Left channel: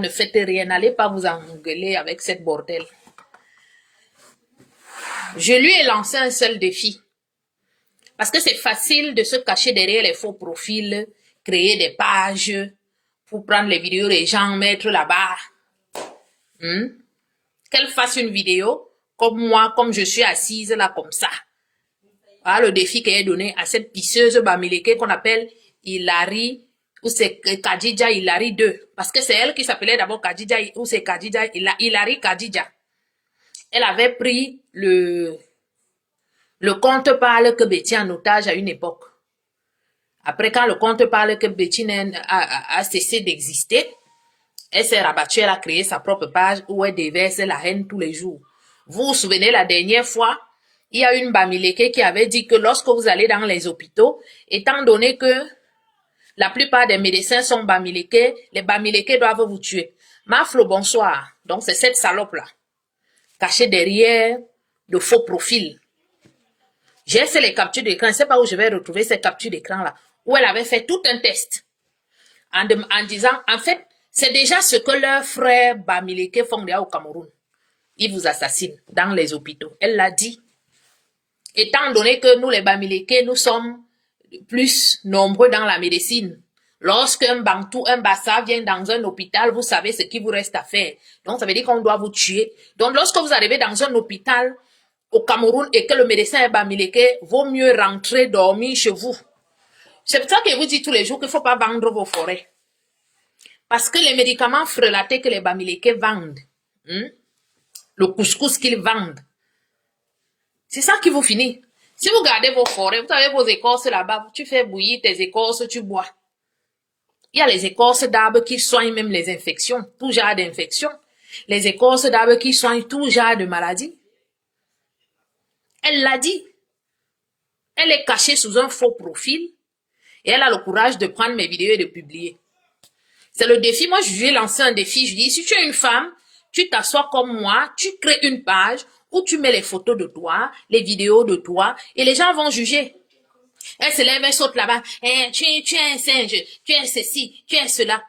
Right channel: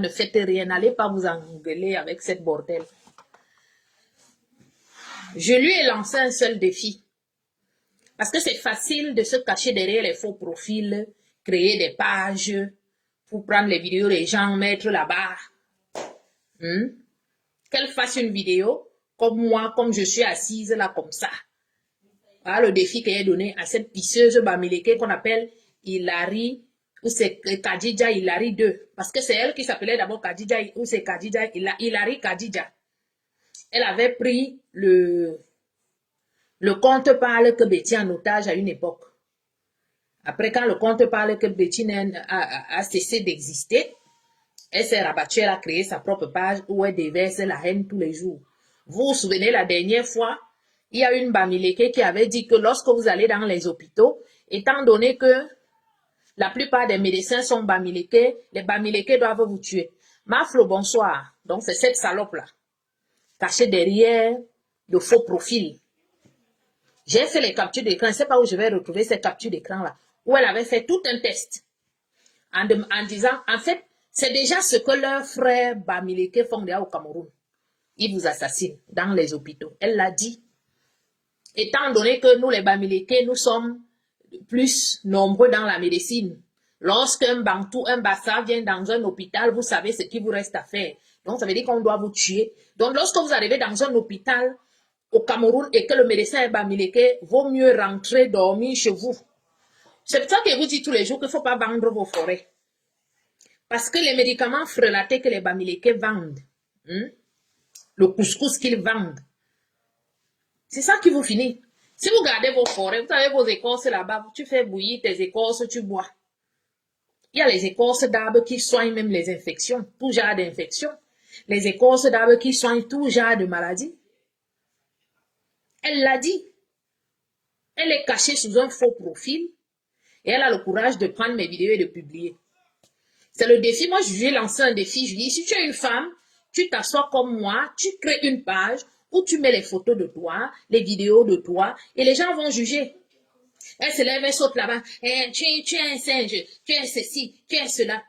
Ne faites rien, n'allez pas vous engueuler avec cette bordel. Je lui ai lancé un seul défi. Parce que c'est facile de se cacher derrière les faux profils, créer des pages pour prendre les vidéos des gens, mettre là-bas. Qu'elle fasse une vidéo comme moi, comme je suis assise là, comme ça. Voilà le défi qu'elle a donné à cette pisseuse bamileke qu'on appelle Hilary, ou c'est Kadija Hilary 2. Parce que c'est elle qui s'appelait d'abord Kadija, ou c'est Kadija, Hilary Kadija. Elle avait pris le compte parle que Betty en otage à une époque. Après, quand le compte parle que Betty a cessé d'exister, elle s'est rabattue, elle a créé sa propre page où elle déverse la haine tous les jours. Vous vous souvenez, la dernière fois, il y a une bamileke qui avait dit que lorsque vous allez dans les hôpitaux, étant donné que la plupart des médecins sont bamileke, les bamileke doivent vous tuer. Maflo, bonsoir. Donc, c'est cette salope-là, cachée derrière de faux profils. J'ai fait les captures d'écran, je ne sais pas où je vais retrouver ces captures d'écran-là, où elle avait fait tout un test en disant, en fait, c'est déjà ce que leurs frères bamileke font déjà au Cameroun. Ils vous assassinent dans les hôpitaux. Elle l'a dit. Étant donné que nous, les bamileke, nous sommes plus nombreux dans la médecine. Lorsqu'un Bantou, un Bassa vient dans un hôpital, vous savez ce qu'il vous reste à faire. Donc, ça veut dire qu'on doit vous tuer. Donc, lorsque vous arrivez dans un hôpital au Cameroun et que le médecin est bamileke, vaut mieux rentrer dormir chez vous. C'est pour ça que je vous dis tous les jours qu'il ne faut pas vendre vos forêts. Parce que les médicaments frelatés que les bamileke vendent, le couscous qu'ils vendent, c'est ça qui vous finit. Si vous gardez vos forêts, vous avez vos écorces là-bas, tu fais bouillir tes écorces, tu bois. Il y a les écorces d'arbres qui soignent même les infections, tout genre d'infections. Les écorces d'arbres qui soignent tout genre de maladies. Elle l'a dit. Elle est cachée sous un faux profil et elle a le courage de prendre mes vidéos et de publier. C'est le défi. Moi, je lui ai lancé un défi. Je dis, si tu es une femme, tu t'assois comme moi, tu crées une page où tu mets les photos de toi, les vidéos de toi, et les gens vont juger. Elle se lève, elle saute là-bas. Tu es un singe, tu es ceci, tu es cela.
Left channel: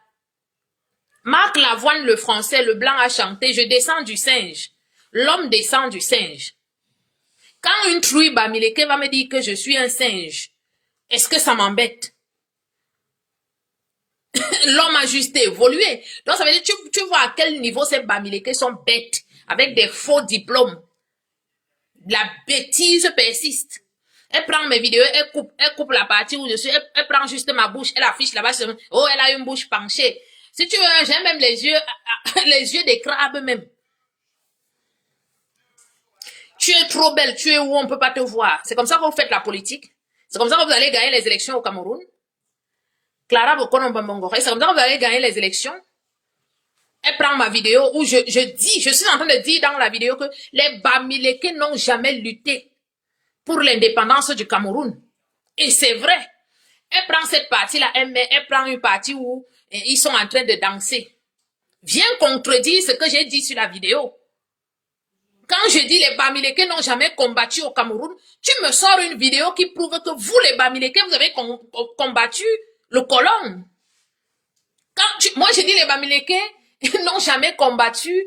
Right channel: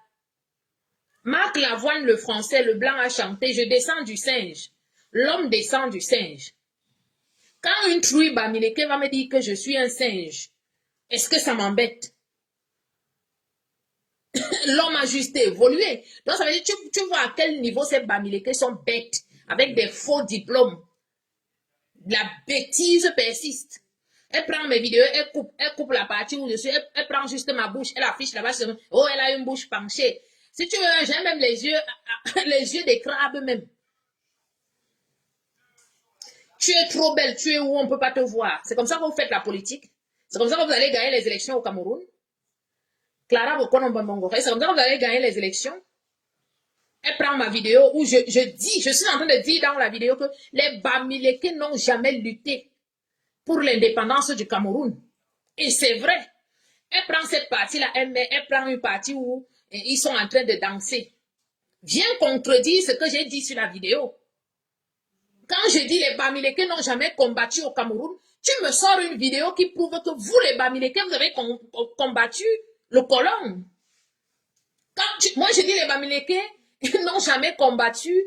Marc Lavoine, le français, le blanc a chanté, je descends du singe. L'homme descend du singe. Quand une trouille bamileke va me dire que je suis un singe, est-ce que ça m'embête? L'homme a juste évolué. Donc, ça veut dire, tu vois à quel niveau ces bamileke sont bêtes, avec des faux diplômes. La bêtise persiste. Elle prend mes vidéos, elle coupe la partie où je suis, elle prend juste ma bouche, elle affiche là-bas, oh, elle a une bouche penchée. Si tu veux, j'ai même les yeux des crabes même. Tu es trop belle, tu es où on ne peut pas te voir. C'est comme ça que vous faites la politique. C'est comme ça que vous allez gagner les élections au Cameroun. Clara Bokono, c'est comme ça que vous allez gagner les élections. Elle prend ma vidéo où je suis en train de dire dans la vidéo que les bamileke n'ont jamais lutté pour l'indépendance du Cameroun. Et c'est vrai. Elle prend cette partie-là, elle prend une partie où ils sont en train de danser. Viens contredire ce que j'ai dit sur la vidéo. Quand je dis les bamileke n'ont jamais combattu au Cameroun, tu me sors une vidéo qui prouve que vous, les bamileke, vous avez combattu le colon. Moi, je dis les bamileke n'ont jamais combattu.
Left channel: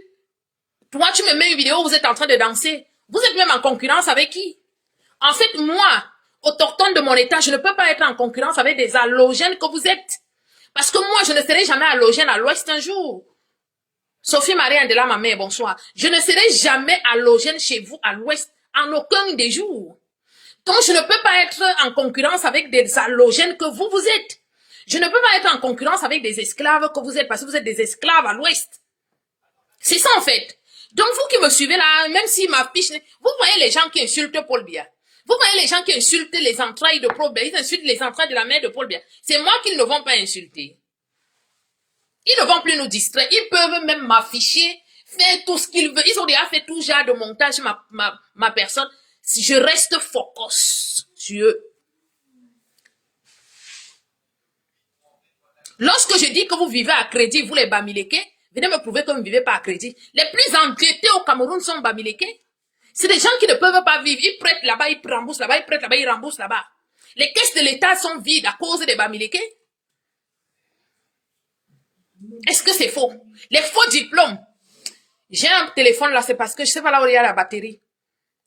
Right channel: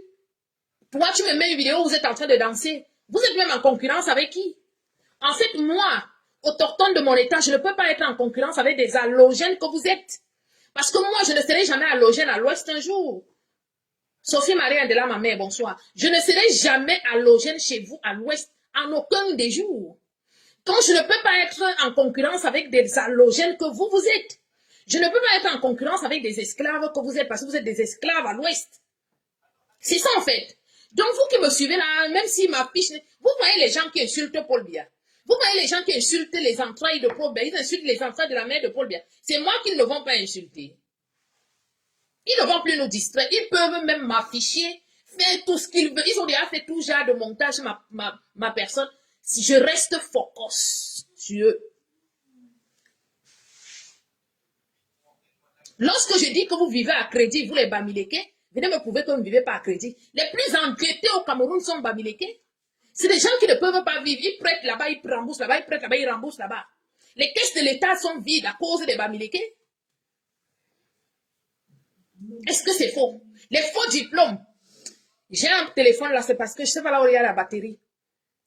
Toi, tu me mets une vidéo où vous êtes en train de danser. Vous êtes même en concurrence avec qui? En fait, moi, autochtone de mon état, je ne peux pas être en concurrence avec des allogènes que vous êtes. Parce que moi, je ne serai jamais allogène à l'ouest un jour. Sophie Marie-Andela, ma mère, bonsoir. Je ne serai jamais allogène chez vous à l'ouest en aucun des jours. Donc, je ne peux pas être en concurrence avec des allogènes que vous êtes. Je ne peux pas être en concurrence avec des esclaves que vous êtes parce que vous êtes des esclaves à l'ouest. C'est ça, en fait. Donc, vous qui me suivez là, même s'il m'affiche, vous voyez les gens qui insultent Paul Biya. Vous voyez les gens qui insultent les entrailles de Paul Biya. Ils insultent les entrailles de la mère de Paul Biya. C'est moi qu'ils ne vont pas insulter. Ils ne vont plus nous distraire. Ils peuvent même m'afficher, faire tout ce qu'ils veulent. Ils ont déjà fait tout genre de montage sur ma personne. Si je reste focus sur eux. Lorsque je dis que vous vivez à crédit, vous les bamileke, venez me prouver que vous ne vivez pas à crédit. Les plus endettés au Cameroun sont bamileke. C'est des gens qui ne peuvent pas vivre. Ils prêtent là-bas, ils remboursent là-bas, ils prêtent là-bas, ils remboursent là-bas. Les caisses de l'État sont vides à cause des bamileke. Est-ce que c'est faux? Les faux diplômes. J'ai un téléphone là, c'est parce que je sais pas là où il y a la batterie.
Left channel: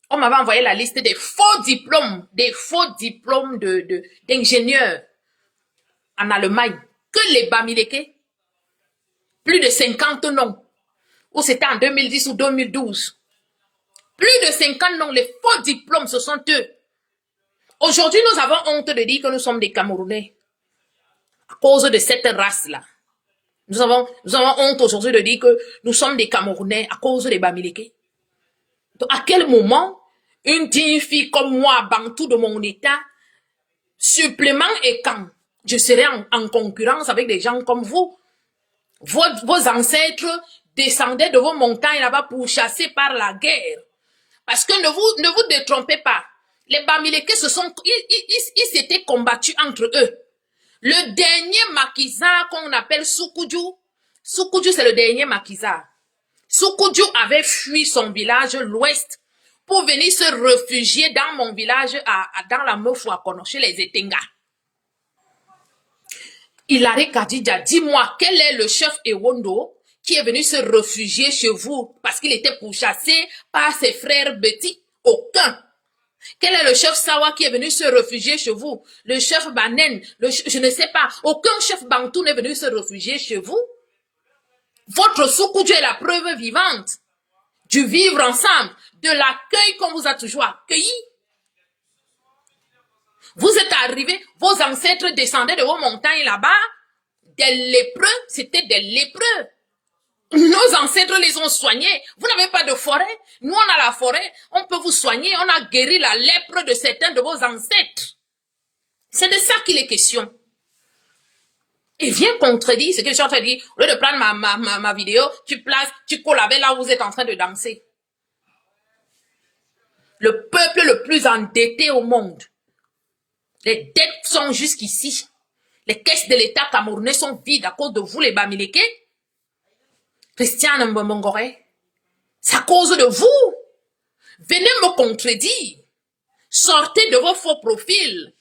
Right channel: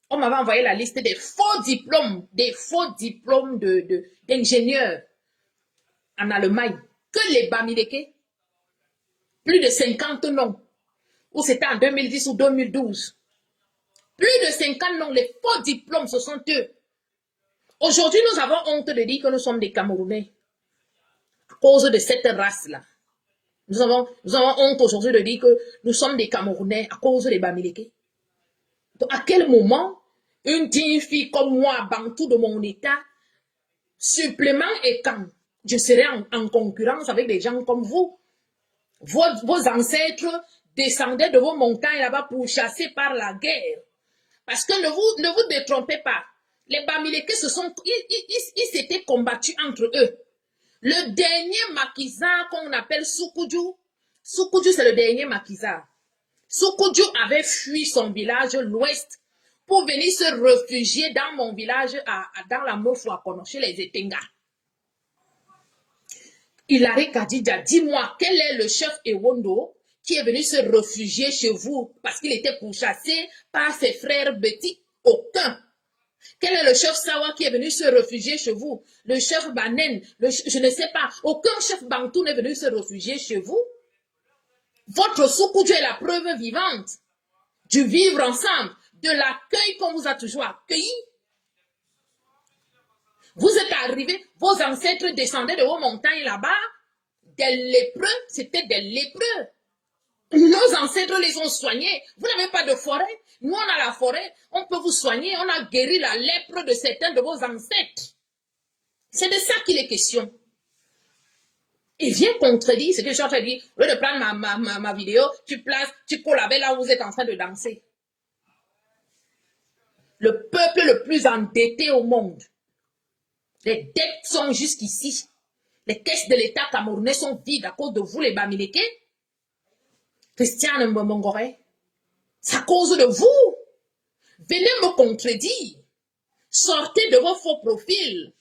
On m'avait envoyé la liste des faux diplômes d'ingénieurs en Allemagne. Que les Bamileke, plus de 50 noms. Ou c'était en 2010 ou 2012. Plus de 50 noms, les faux diplômes, ce sont eux. Aujourd'hui, nous avons honte de dire que nous sommes des Camerounais. À cause de cette race-là. Nous avons honte aujourd'hui de dire que nous sommes des Camerounais à cause des Bamileke. Donc, à quel moment une digne fille comme moi, bantou de mon état, supplément et quand je serai en concurrence avec des gens comme vous, vos ancêtres descendaient de vos montagnes là-bas pour chasser par la guerre. Parce que ne vous détrompez pas. Les Bamileke ils s'étaient combattus entre eux. Le dernier maquisard qu'on appelle Soukudjou, c'est le dernier maquisard. Soukudjou avait fui son village, l'ouest, pour venir se réfugier dans mon village, dans la Meufouakono, chez les Etenga. Hilary Kadidja, dis-moi, quel est le chef Ewondo qui est venu se réfugier chez vous parce qu'il était pourchassé par ses frères Betty? Aucun. Quel est le chef Sawa qui est venu se réfugier chez vous? Le chef Banen, je ne sais pas. Aucun chef Bantou n'est venu se réfugier chez vous. Votre Soukudjou est la preuve vivante du vivre ensemble, de l'accueil qu'on vous a toujours accueilli. Vous êtes arrivés, vos ancêtres descendaient de vos montagnes là-bas, des lépreux, c'était des lépreux. Nos ancêtres les ont soignés. Vous n'avez pas de forêt. Nous, on a la forêt. On peut vous soigner. On a guéri la lèpre de certains de vos ancêtres. C'est de ça qu'il est question. Et viens contredire ce que je suis en train de dire. Au lieu de prendre ma vidéo, tu colles avec là où vous êtes en train de danser. Le peuple le plus endetté au monde. Les dettes sont jusqu'ici. Les caisses de l'État camerounais sont vides à cause de vous, les Bamileke. Christiane Mbongore, c'est à cause de vous. Venez me contredire. Sortez de vos faux profils.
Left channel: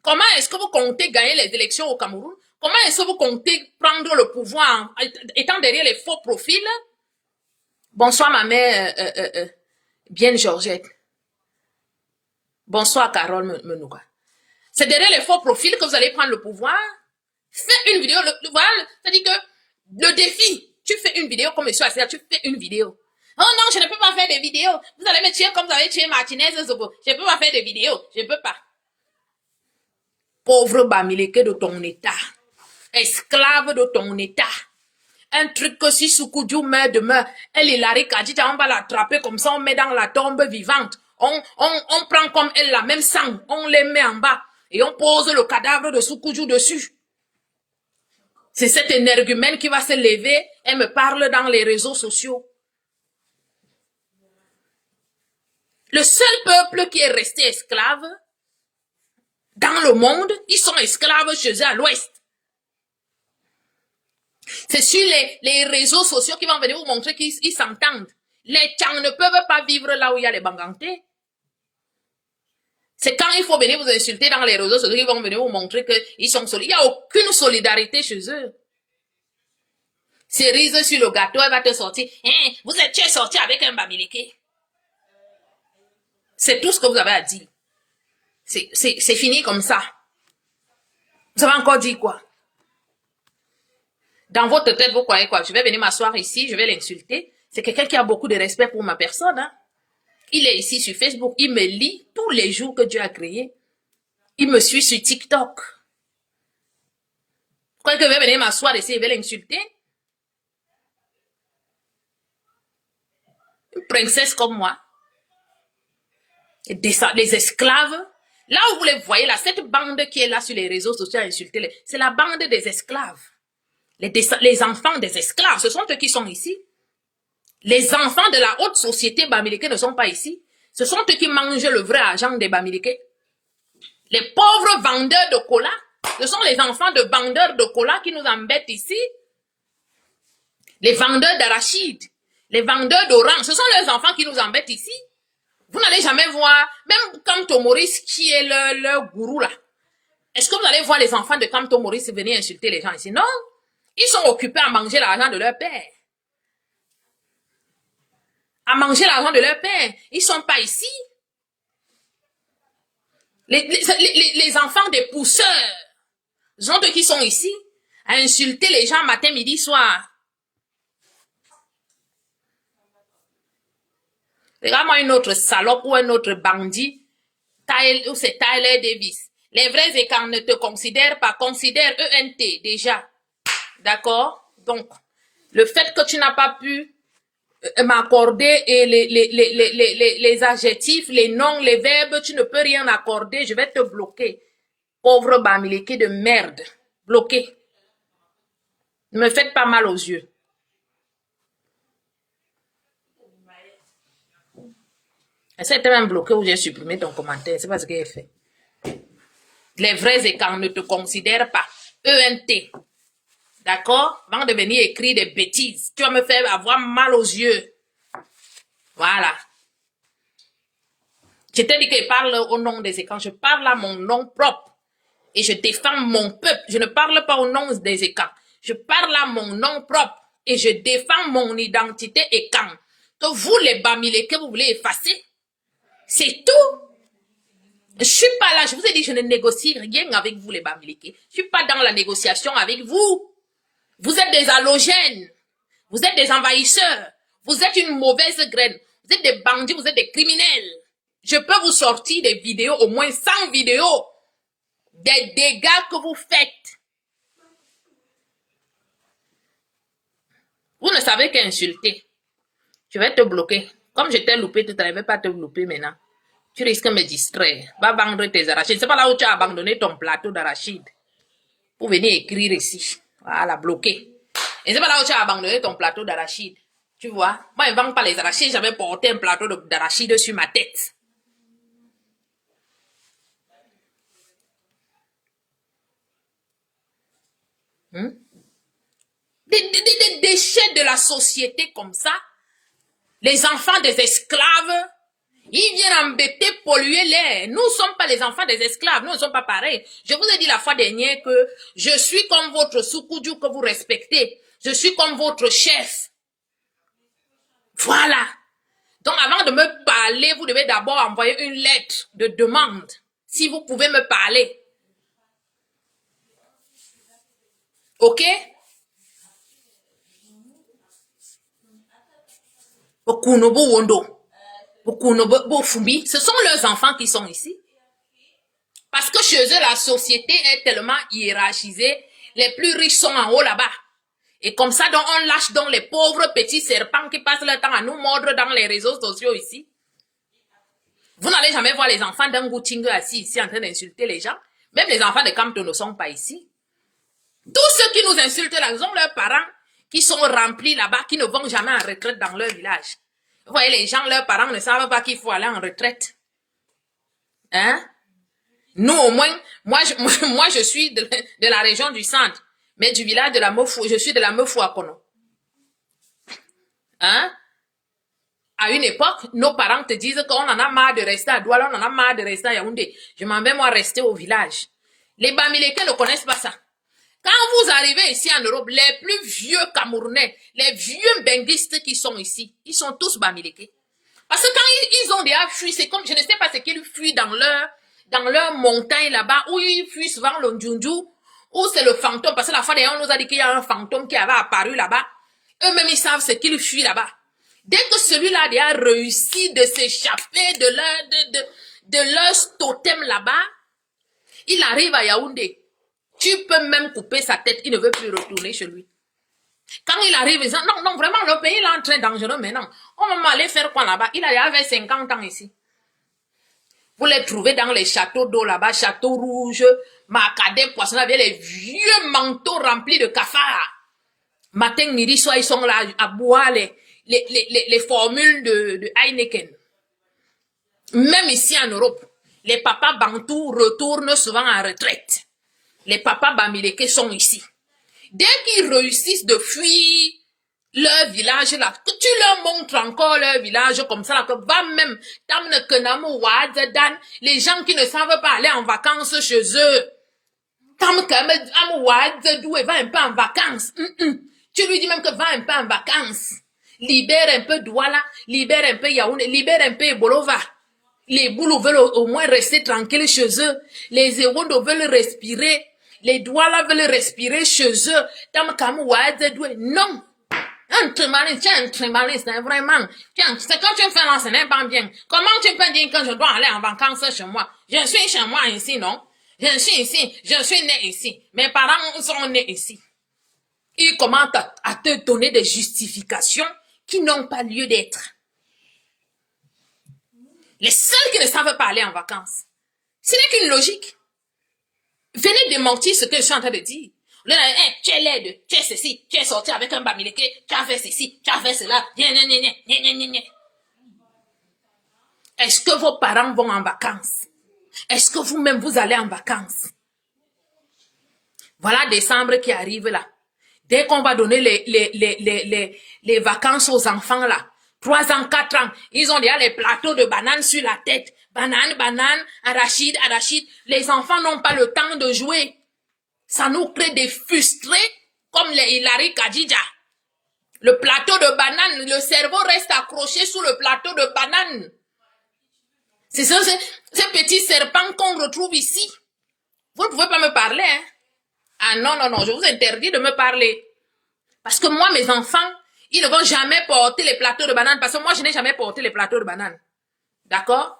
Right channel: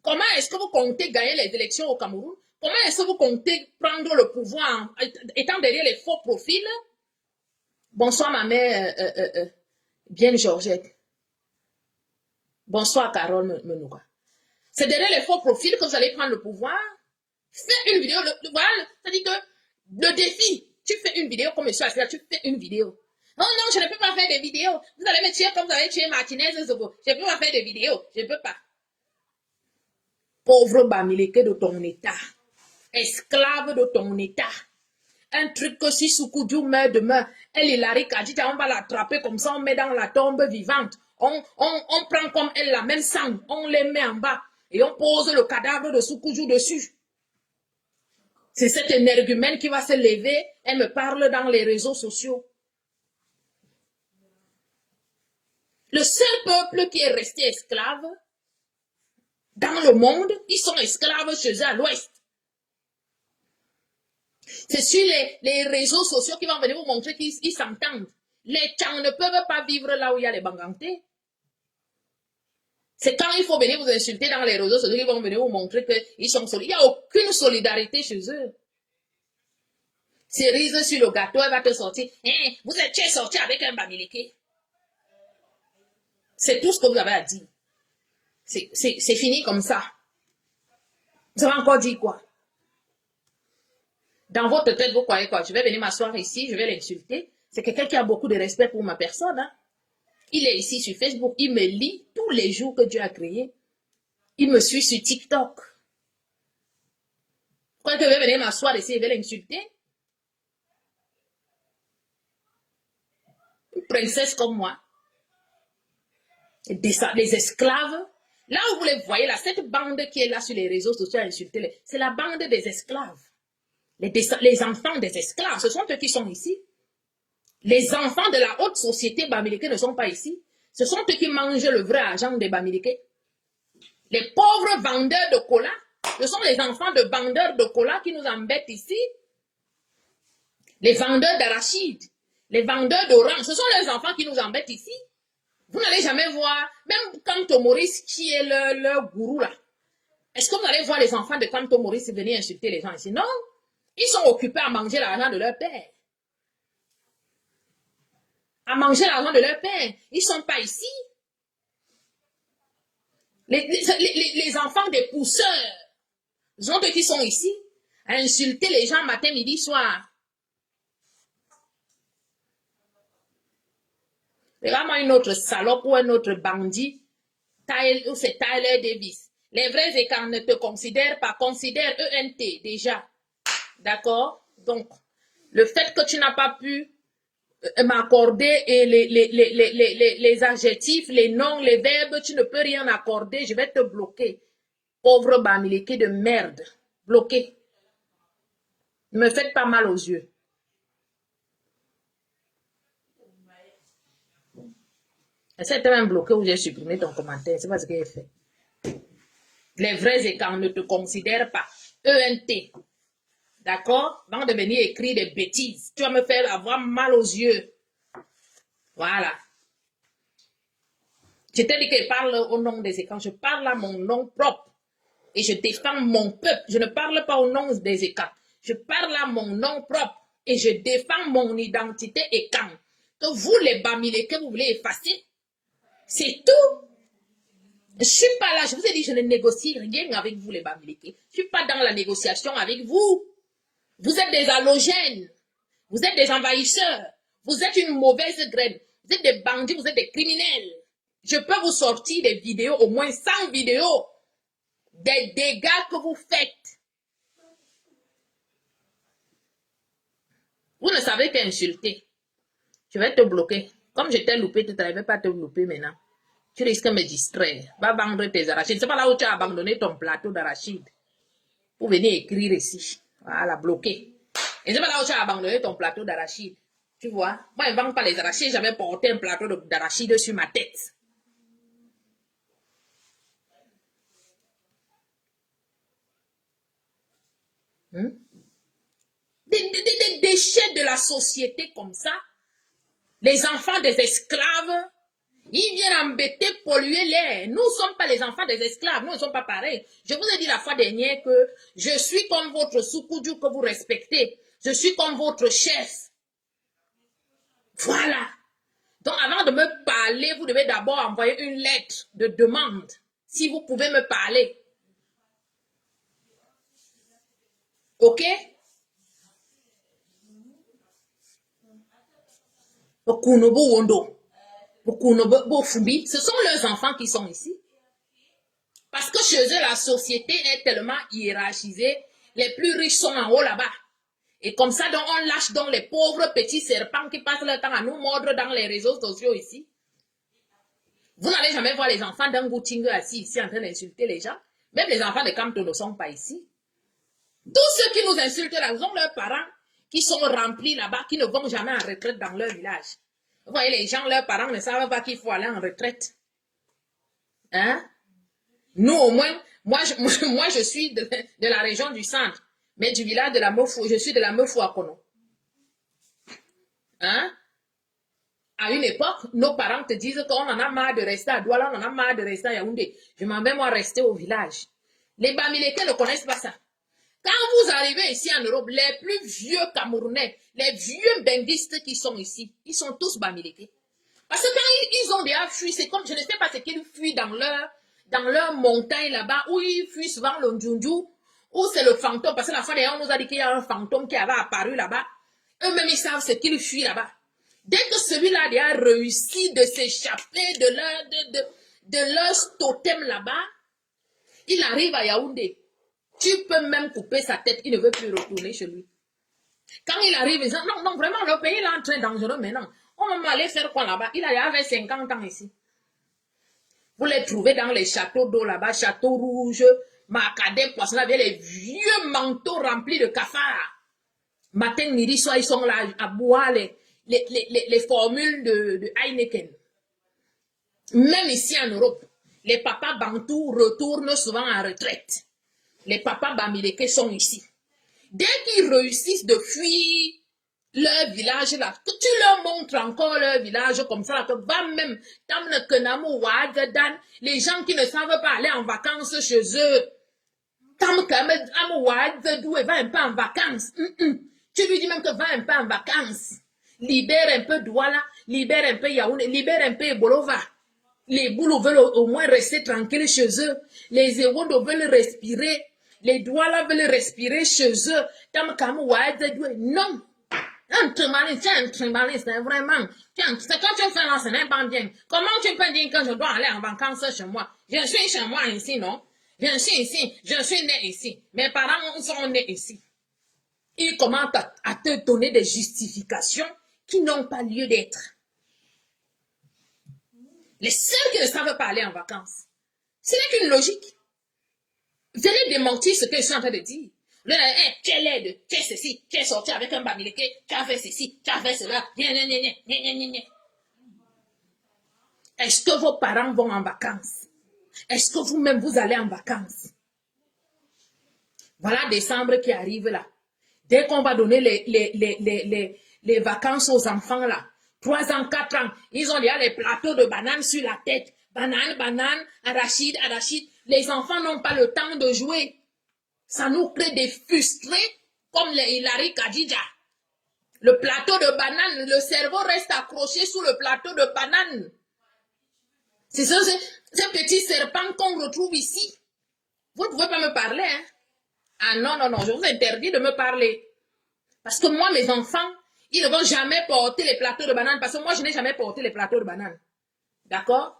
Comment est-ce que vous comptez gagner les élections au Cameroun? Comment est-ce que vous comptez prendre le pouvoir étant derrière les faux profils? Bonsoir ma mère, bien Georgette. Bonsoir Carole Menouga. C'est derrière les faux profils que vous allez prendre le pouvoir? Fais une vidéo, voilà, c'est-à-dire que le défi, tu fais une vidéo comme monsieur Assia, tu fais une vidéo. Oh non, je ne peux pas faire des vidéos. Vous allez me tuer comme vous avez tué Martinez Zobo. Je ne peux pas faire des vidéos. Je ne peux pas. Pauvre Bamileke de ton état. Esclave de ton état. Un truc que si Soukudjou meurt demain, elle Hilary Kadidja, on va l'attraper comme ça, on met dans la tombe vivante. On prend comme elle la même sang, on les met en bas et on pose le cadavre de Soukudjou dessus. C'est cette énergumène qui va se lever et me parle dans les réseaux sociaux. Le seul peuple qui est resté esclave dans le monde, ils sont esclaves chez eux à l'ouest. C'est sur les réseaux sociaux qui vont venir vous montrer qu'ils s'entendent. Les Tchang ne peuvent pas vivre là où il y a les Banganté. C'est quand il faut venir vous insulter dans les réseaux sociaux qu'ils vont venir vous montrer qu'ils sont solidaires. Il n'y a aucune solidarité chez eux. Cerise sur le gâteau, elle va te sortir. Hein, tu es sorti avec un Bamileke. C'est tout ce que vous avez à dire. C'est fini comme ça. Vous avez encore dit quoi? Dans votre tête, vous croyez quoi? Je vais venir m'asseoir ici, je vais l'insulter. C'est quelqu'un qui a beaucoup de respect pour ma personne. Hein? Il est ici sur Facebook, il me lit tous les jours que Dieu a créé. Il me suit sur TikTok. Vous croyez que je vais venir m'asseoir ici et je vais l'insulter? Une princesse comme moi. Les esclaves. Là où vous les voyez, là, cette bande qui est là sur les réseaux sociaux à insulter, c'est la bande des esclaves. Les enfants des esclaves, ce sont eux qui sont ici. Les enfants de la haute société Bamileke ne sont pas ici. Ce sont eux qui mangent le vrai argent des Bamileke. Les pauvres vendeurs de cola, ce sont les enfants de vendeurs de cola qui nous embêtent ici. Les vendeurs d'arachides, les vendeurs d'orange, ce sont les enfants qui nous embêtent ici. Vous n'allez jamais voir, même Kamto Maurice qui est le gourou là. Est-ce que vous allez voir les enfants de Kamto Maurice venir insulter les gens ici? Non. Ils sont occupés à manger l'argent de leur père. À manger l'argent de leur père. Ils ne sont pas ici. Les enfants des pousseurs, gens qui sont ici, à insulter les gens matin, midi, soir. Regarde-moi une autre salope ou un autre bandit, ou c'est Tyler Davis. Les vrais écarts ne te considèrent pas, considèrent ENT déjà. D'accord? Donc, le fait que tu n'as pas pu m'accorder et les adjectifs, les noms, les verbes, tu ne peux rien accorder, je vais te bloquer. Pauvre Bamileke de merde. Bloqué. Ne me faites pas mal aux yeux. Essaie de même bloqué ou j'ai supprimé ton commentaire. C'est pas ce qu'il a fait. Les vrais écarts ne te considèrent pas. ENT. D'accord? Avant de venir écrire des bêtises. Tu vas me faire avoir mal aux yeux. Voilà. Je t'ai dit que je parle au nom des écarts. Je parle à mon nom propre. Et je défends mon peuple. Je ne parle pas au nom des écarts. Je parle à mon nom propre. Et je défends mon identité et quand. Que vous, les Bamileke, vous voulez effacer. C'est tout. Je suis pas là. Je vous ai dit, je ne négocie rien avec vous, les Bamileke. Je suis pas dans la négociation avec vous. Vous êtes des halogènes. Vous êtes des envahisseurs. Vous êtes une mauvaise graine. Vous êtes des bandits, vous êtes des criminels. Je peux vous sortir des vidéos, au moins 100 vidéos, des dégâts que vous faites. Vous ne savez qu'insulter. Je vais te bloquer. Comme je t'ai loupé tout à l'heure, je ne vais pas te louper maintenant. Tu risques de me distraire. Va vendre tes arachides. C'est pas là où tu as abandonné ton plateau d'arachides. Pour venir écrire ici. Voilà, bloqué. Et c'est pas là où tu as abandonné ton plateau d'arachides. Tu vois, moi, je ne vends pas les arachides. J'avais porté un plateau d'arachides sur ma tête. Des déchets de la société comme ça. Les enfants des esclaves. Ils viennent embêter, polluer l'air. Nous ne sommes pas les enfants des esclaves. Nous ne sommes pas pareils. Je vous ai dit la fois dernière que je suis comme votre Soukoudjou que vous respectez. Je suis comme votre chef. Voilà. Donc, avant de me parler, vous devez d'abord envoyer une lettre de demande. Si vous pouvez me parler. OK? Ce sont leurs enfants qui sont ici. Parce que chez eux, la société est tellement hiérarchisée. Les plus riches sont en haut là-bas. Et comme ça, donc, on lâche donc les pauvres petits serpents qui passent leur temps à nous mordre dans les réseaux sociaux ici. Vous n'allez jamais voir les enfants d'un Goutingue assis ici en train d'insulter les gens. Même les enfants de Campton ne sont pas ici. Tous ceux qui nous insultent là, ils ont leurs parents qui sont remplis là-bas, qui ne vont jamais en retraite dans leur village. Vous voyez, les gens, leurs parents ne savent pas qu'il faut aller en retraite. Hein? Nous, au moins, moi, je suis de la région du centre, mais du village de la Mofou, je suis de la Mofou à Kono. Hein? À une époque, nos parents te disent qu'on en a marre de rester à Douala, on en a marre de rester à Yaoundé. Je m'en vais, moi, rester au village. Les Bamileke ne connaissent pas ça. Quand vous arrivez ici en Europe, les plus vieux Camerounais, les vieux benguistes qui sont ici, ils sont tous Bamileke. Parce que quand ils ont déjà fui, c'est comme, je ne sais pas ce qu'ils fuient dans leur montagne là-bas, où ils fuient souvent le Ndjoundjou, où c'est le fantôme, parce que la fois d'ailleurs, on nous a dit qu'il y a un fantôme qui avait apparu là-bas. Eux-mêmes, ils savent ce qu'ils fuient là-bas. Dès que celui-là a réussi de s'échapper de leur totem là-bas, il arrive à Yaoundé. Tu peux même couper sa tête, il ne veut plus retourner chez lui. Quand il arrive, il dit, non, vraiment, le pays est en train dangereux maintenant. On va m'aller faire quoi là-bas? Il avait 50 ans ici. Vous les trouvez dans les châteaux d'eau là-bas, châteaux rouges, Macadam, Poisson, avec les vieux manteaux remplis de cafards. Matin, midi, soir, ils sont là à boire les formules de Heineken. Même ici en Europe, les papas bantous retournent souvent en retraite. Les papas Bamileke sont ici. Dès qu'ils réussissent de fuir leur village là, que tu leur montres encore leur village comme ça, là, que va même, les gens qui ne savent pas aller en vacances chez eux. Comme va un peu en vacances. Tu lui dis même que va un peu en vacances. Libère un peu Douala, libère un peu Yaoundé, libère un peu Bolova. Les boulots veulent au moins rester tranquilles chez eux. Les Ewondo veulent respirer. Les Douala veulent respirer chez eux. Non. Un trimaliste, tu es un trimaliste, hein, vraiment. C'est quand tu fais là, ce n'est pas bien. Comment tu peux dire que je dois aller en vacances chez moi? Je suis chez moi ici, non? Je suis ici, je suis né ici. Mes parents sont nés ici. Ils commencent à te donner des justifications qui n'ont pas lieu d'être. Les seuls qui ne savent pas aller en vacances, ce n'est qu'une logique. Venez démentir ce que je suis en train de dire. Tu es laide, tu es ceci, tu es sorti avec un bamileke, tu as fait ceci, tu as fait cela. Est-ce que vos parents vont en vacances? Est-ce que vous-même vous allez en vacances? Voilà décembre qui arrive là. Dès qu'on va donner les vacances aux enfants là, 3 ans, 4 ans, ils ont déjà les plateaux de bananes sur la tête. Banane, banane, arachide, arachide. Les enfants n'ont pas le temps de jouer. Ça nous crée des frustrés comme les Hilary Kadija. Le plateau de banane, le cerveau reste accroché sous le plateau de banane. C'est ce petit serpent qu'on retrouve ici. Vous ne pouvez pas me parler, hein? Ah non, non, non, je vous interdis de me parler. Parce que moi, mes enfants, ils ne vont jamais porter les plateaux de bananes parce que moi, je n'ai jamais porté les plateaux de bananes. D'accord?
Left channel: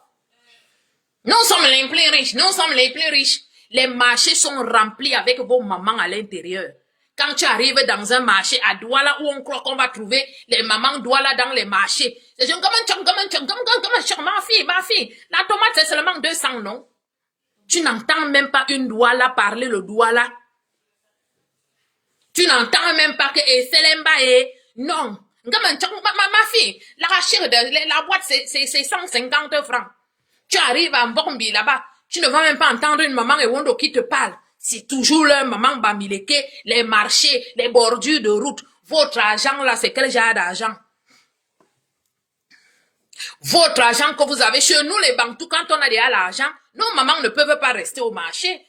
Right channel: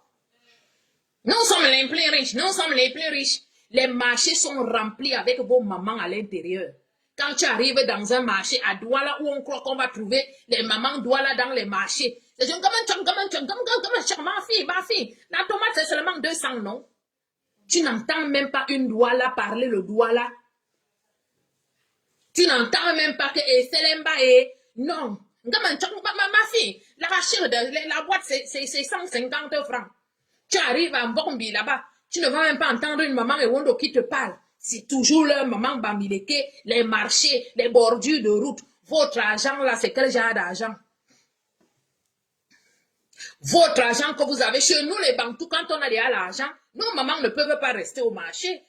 Nous sommes les plus riches, nous sommes les plus riches. Les marchés sont remplis avec vos mamans à l'intérieur. Quand tu arrives dans un marché à Douala où on croit qu'on va trouver les mamans Douala dans les marchés, c'est genre, ma fille, la tomate c'est seulement 200, non? Tu n'entends même pas une Douala parler le Douala. Tu n'entends même pas que Selemba est... Non. Ma fille, la boîte, c'est 150 francs. Tu arrives à Mbombi là-bas, tu ne vas même pas entendre une maman et Wondo qui te parle. C'est toujours leur maman Bamileke, les marchés, les bordures de route. Votre argent là, c'est quel genre d'argent? Votre argent que vous avez chez nous, les Bantous, quand on a déjà l'argent, nos mamans ne peuvent pas rester au marché.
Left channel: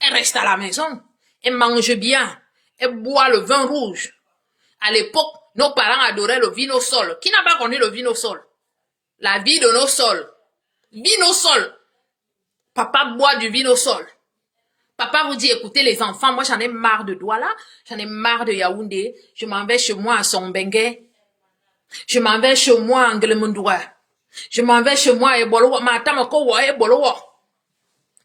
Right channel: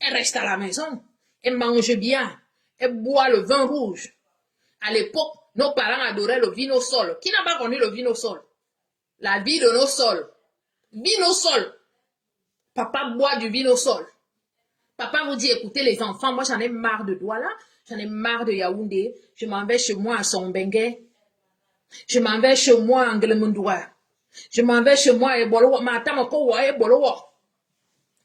Elles restent à la maison. Elles mangent bien. Elles boivent le vin rouge. À l'époque, nos parents adoraient le vino sol. Qui n'a pas connu le vino sol? La vie de nos sols. Vino sol. Papa boit du vino sol. Papa vous dit, écoutez les enfants, moi j'en ai marre de Douala, j'en ai marre de Yaoundé, je m'en vais chez moi à Sombengue, je m'en vais chez moi à Nglemundoua, je m'en vais chez moi à Ebolowo,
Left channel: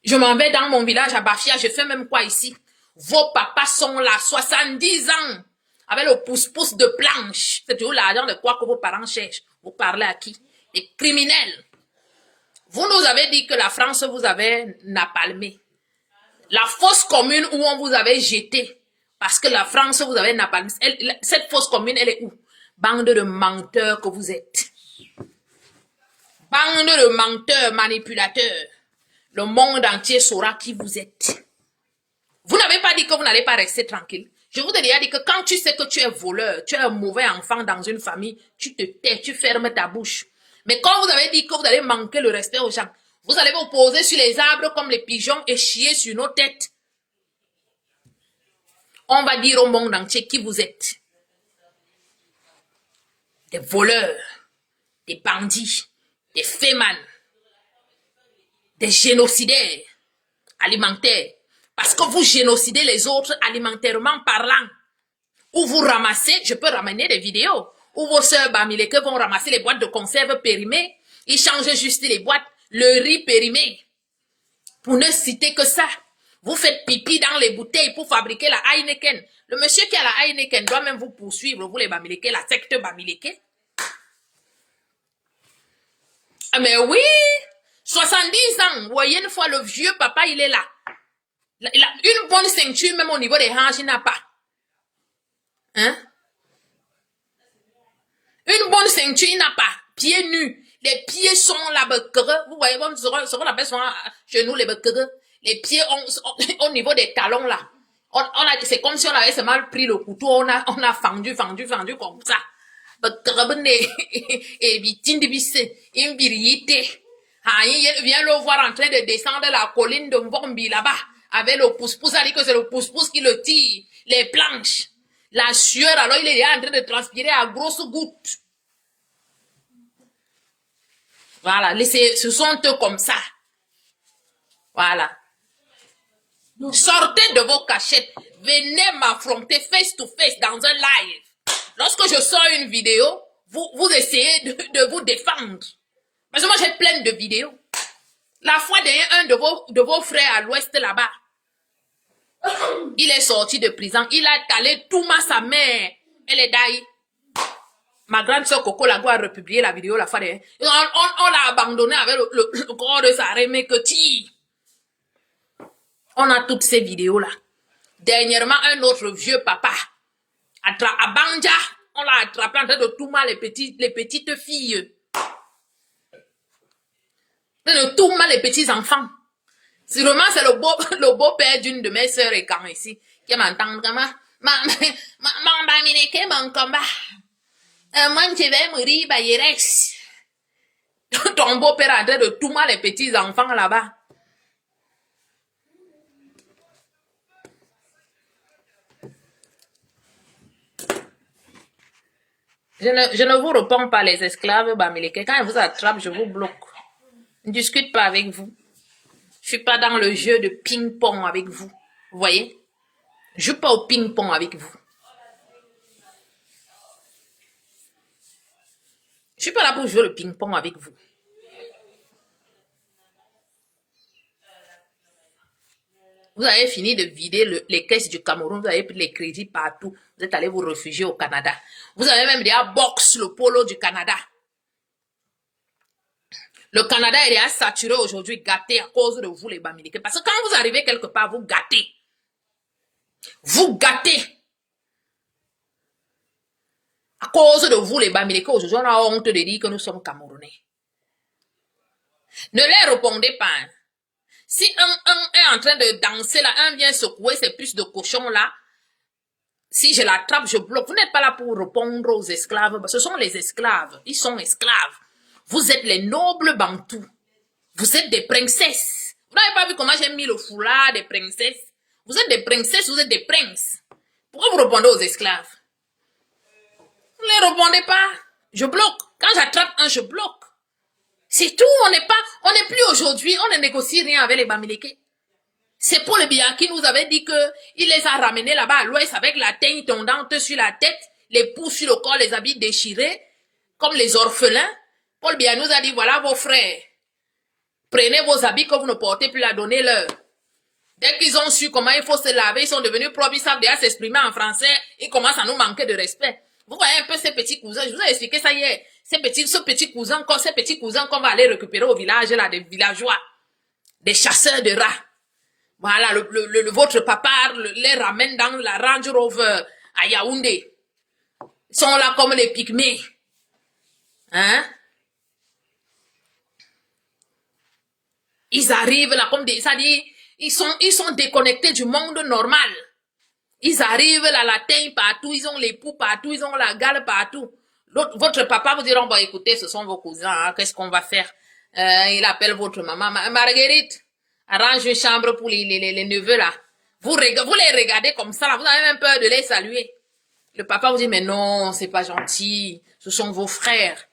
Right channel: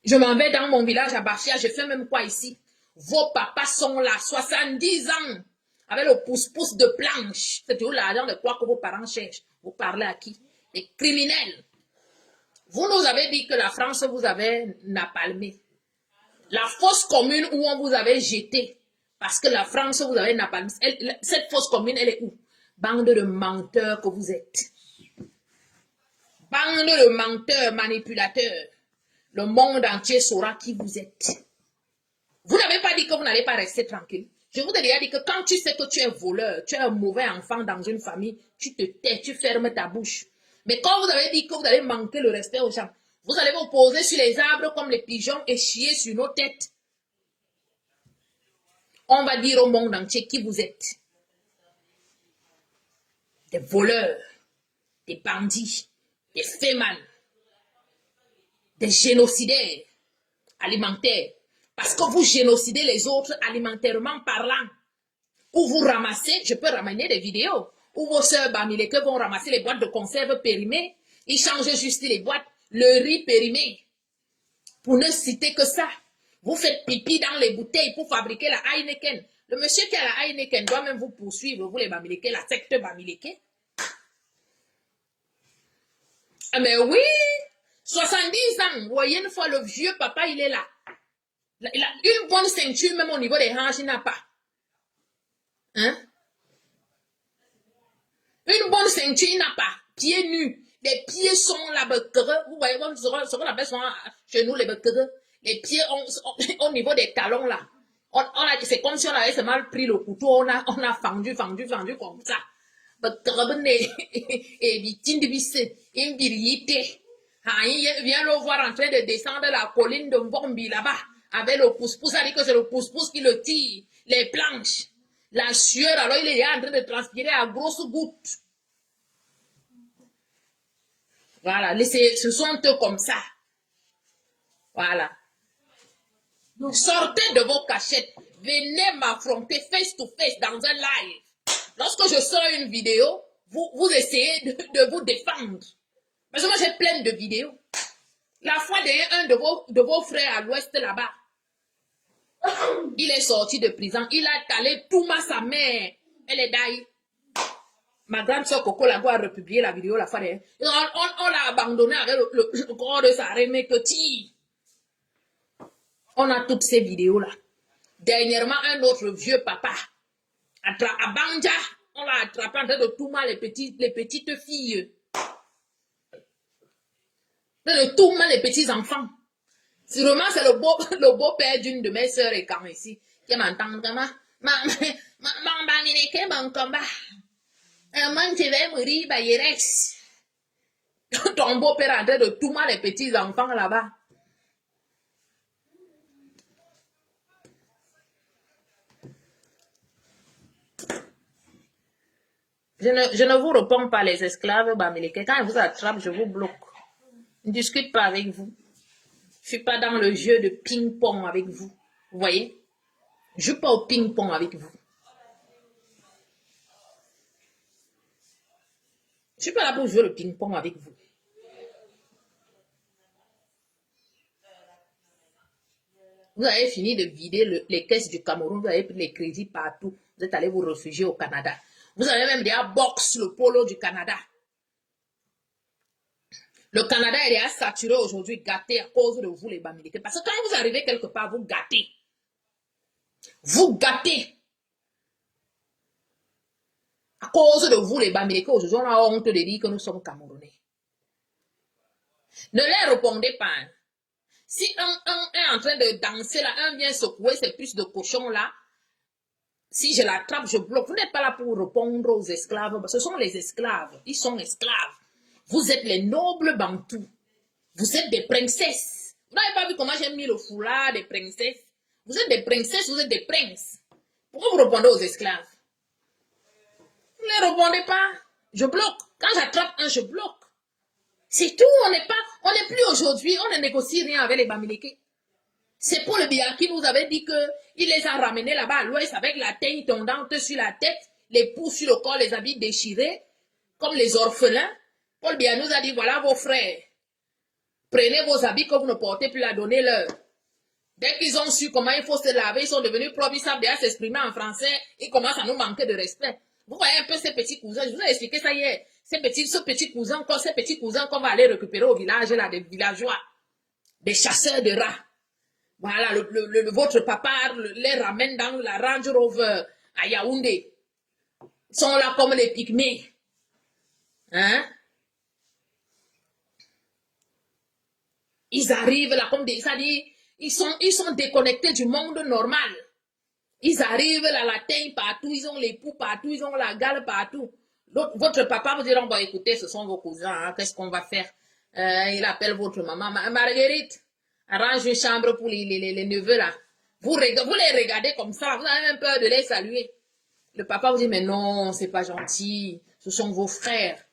je m'en vais dans mon village à Bafia, je fais même quoi ici? Vos papas sont là, 70 ans, avec le pouce-pouce de planche. C'est toujours l'argent de quoi que vos parents cherchent. Vous parlez à qui? Les criminels. Vous nous avez dit que la France vous avait napalmé. La fosse commune où on vous avait jeté, parce que la France vous avait napalmé. Cette fosse commune, elle est où? Bande de menteurs que vous êtes. Bande de menteurs, manipulateurs. Le monde entier saura qui vous êtes. Vous n'avez pas dit que vous n'allez pas rester tranquille. Je vous ai déjà dit que quand tu sais que tu es voleur, tu es un mauvais enfant dans une famille, tu te tais, tu fermes ta bouche. Mais quand vous avez dit que vous allez manquer le respect aux gens, vous allez vous poser sur les arbres comme les pigeons et chier sur nos têtes. On va dire au monde entier qui vous êtes. Des voleurs, des bandits, des fémans, des génocidaires alimentaires. Parce que vous génocidez les autres alimentairement parlant. Ou vous ramassez, je peux ramener des vidéos, où vos sœurs Bamileke vont ramasser les boîtes de conserve périmées. Ils changent juste les boîtes, le riz périmé. Pour ne citer que ça. Vous faites pipi dans les bouteilles pour fabriquer la Heineken. Le monsieur qui a la Heineken doit même vous poursuivre, vous les Bamileke, la secte Bamileke. Ah mais oui, 70 ans, vous voyez une fois le vieux papa, il est là. Il a une bonne ceinture, même au niveau des hanches, il n'a pas. Hein? Une bonne ceinture, il n'a pas. Pieds nus. Les pieds sont là, vous voyez, ce qu'on appelle chez nous les bequereux. Les pieds au niveau des talons là. C'est comme si on avait seulement pris le couteau, on a fendu comme ça. Et il vient le voir en train de descendre la colline de Mbombi là-bas. avec le pouce-pouce, ça dit que c'est le pouce-pouce qui le tire, les planches. La sueur, alors il est en train de transpirer à grosses gouttes. Voilà, ce sont eux comme ça. Voilà. Sortez de vos cachettes. Venez m'affronter face to face dans un live. Lorsque je sors une vidéo, vous essayez de vous défendre. Parce que moi, j'ai plein de vidéos. La fois dernière, un de vos frères à l'ouest là-bas, il est sorti de prison. Il a talé tout sa mère. Elle est d'ailleurs. Ma grande soeur Coco Lago a republié la vidéo la fois dernière. On l'a abandonné avec le corps de sa remée que ti. On a toutes ces vidéos-là. Dernièrement, un autre vieux papa, à Banja, on l'a attrapé en train de tout mal les petites filles. De tout mal les petits enfants. Sûrement, c'est le beau-père d'une de mes sœurs et quand ici, qui m'entend comme mon combat. Moi, je vais mourir, bah, il reste. Ton beau-père est en train de tout mal les petits enfants là-bas. Je ne vous réponds pas, les esclaves bamileke. Quand ils vous attrapent, je vous bloque. Je ne discute pas avec vous. Je suis pas dans le jeu de ping-pong avec vous. Vous voyez? Je joue pas au ping-pong avec vous. Je suis pas là pour jouer le ping-pong avec vous. Vous avez fini de vider les caisses du Cameroun, vous avez pris les crédits partout. Vous êtes allé vous réfugier au Canada. Vous avez même déjà boxé le polo du Canada. Le Canada est déjà saturé aujourd'hui, gâté à cause de vous les Bamileke. Parce que quand vous arrivez quelque part, vous gâtez. Vous gâtez. À cause de vous les Bamileke, aujourd'hui, on a honte de dire que nous sommes Camerounais. Ne les répondez pas. Si un est en train de danser là, un vient secouer ses puces de cochon là, si je l'attrape, je bloque. Vous n'êtes pas là pour répondre aux esclaves. Ce sont les esclaves. Ils sont esclaves. Vous êtes les nobles bantous. Vous êtes des princesses. Vous n'avez pas vu comment j'ai mis le foulard des princesses? Vous êtes des princesses, vous êtes des princes. Pourquoi vous répondez aux esclaves? Vous ne les répondez pas. Je bloque. Quand j'attrape un, je bloque. C'est tout. On n'est plus aujourd'hui, on ne négocie rien avec les Bamileke. C'est Paul Biya qui nous avait dit que il les a ramenés là-bas à l'ouest avec la teigne tondante sur la tête, les poux sur le corps, les habits déchirés, comme les orphelins. Paul Biya nous a dit, voilà vos frères. Prenez vos habits que vous ne portez plus, la donnez-leur. Dès qu'ils ont su comment il faut se laver, ils sont devenus propres, ils savent déjà s'exprimer en français, ils commencent à nous manquer de respect. Vous voyez un peu ces petits cousins, je vous ai expliqué ça hier. Ces petits cousins qu'on va aller récupérer au village, là, des villageois, des chasseurs de rats. Voilà, votre papa les ramène dans la Range Rover à Yaoundé. Ils sont là comme les pygmées. Hein? Ils arrivent là comme des... Ça dit, ils sont déconnectés du monde normal. Ils arrivent là, la teigne partout, ils ont les poux partout, ils ont la gale partout. Votre papa vous dira, bon, écoutez, ce sont vos cousins, hein, qu'est-ce qu'on va faire? Il appelle votre maman, Marguerite, arrange une chambre pour les neveux là. Vous les regardez comme ça, là, vous avez même peur de les saluer. Le papa vous dit, mais non, c'est pas gentil, ce sont vos frères,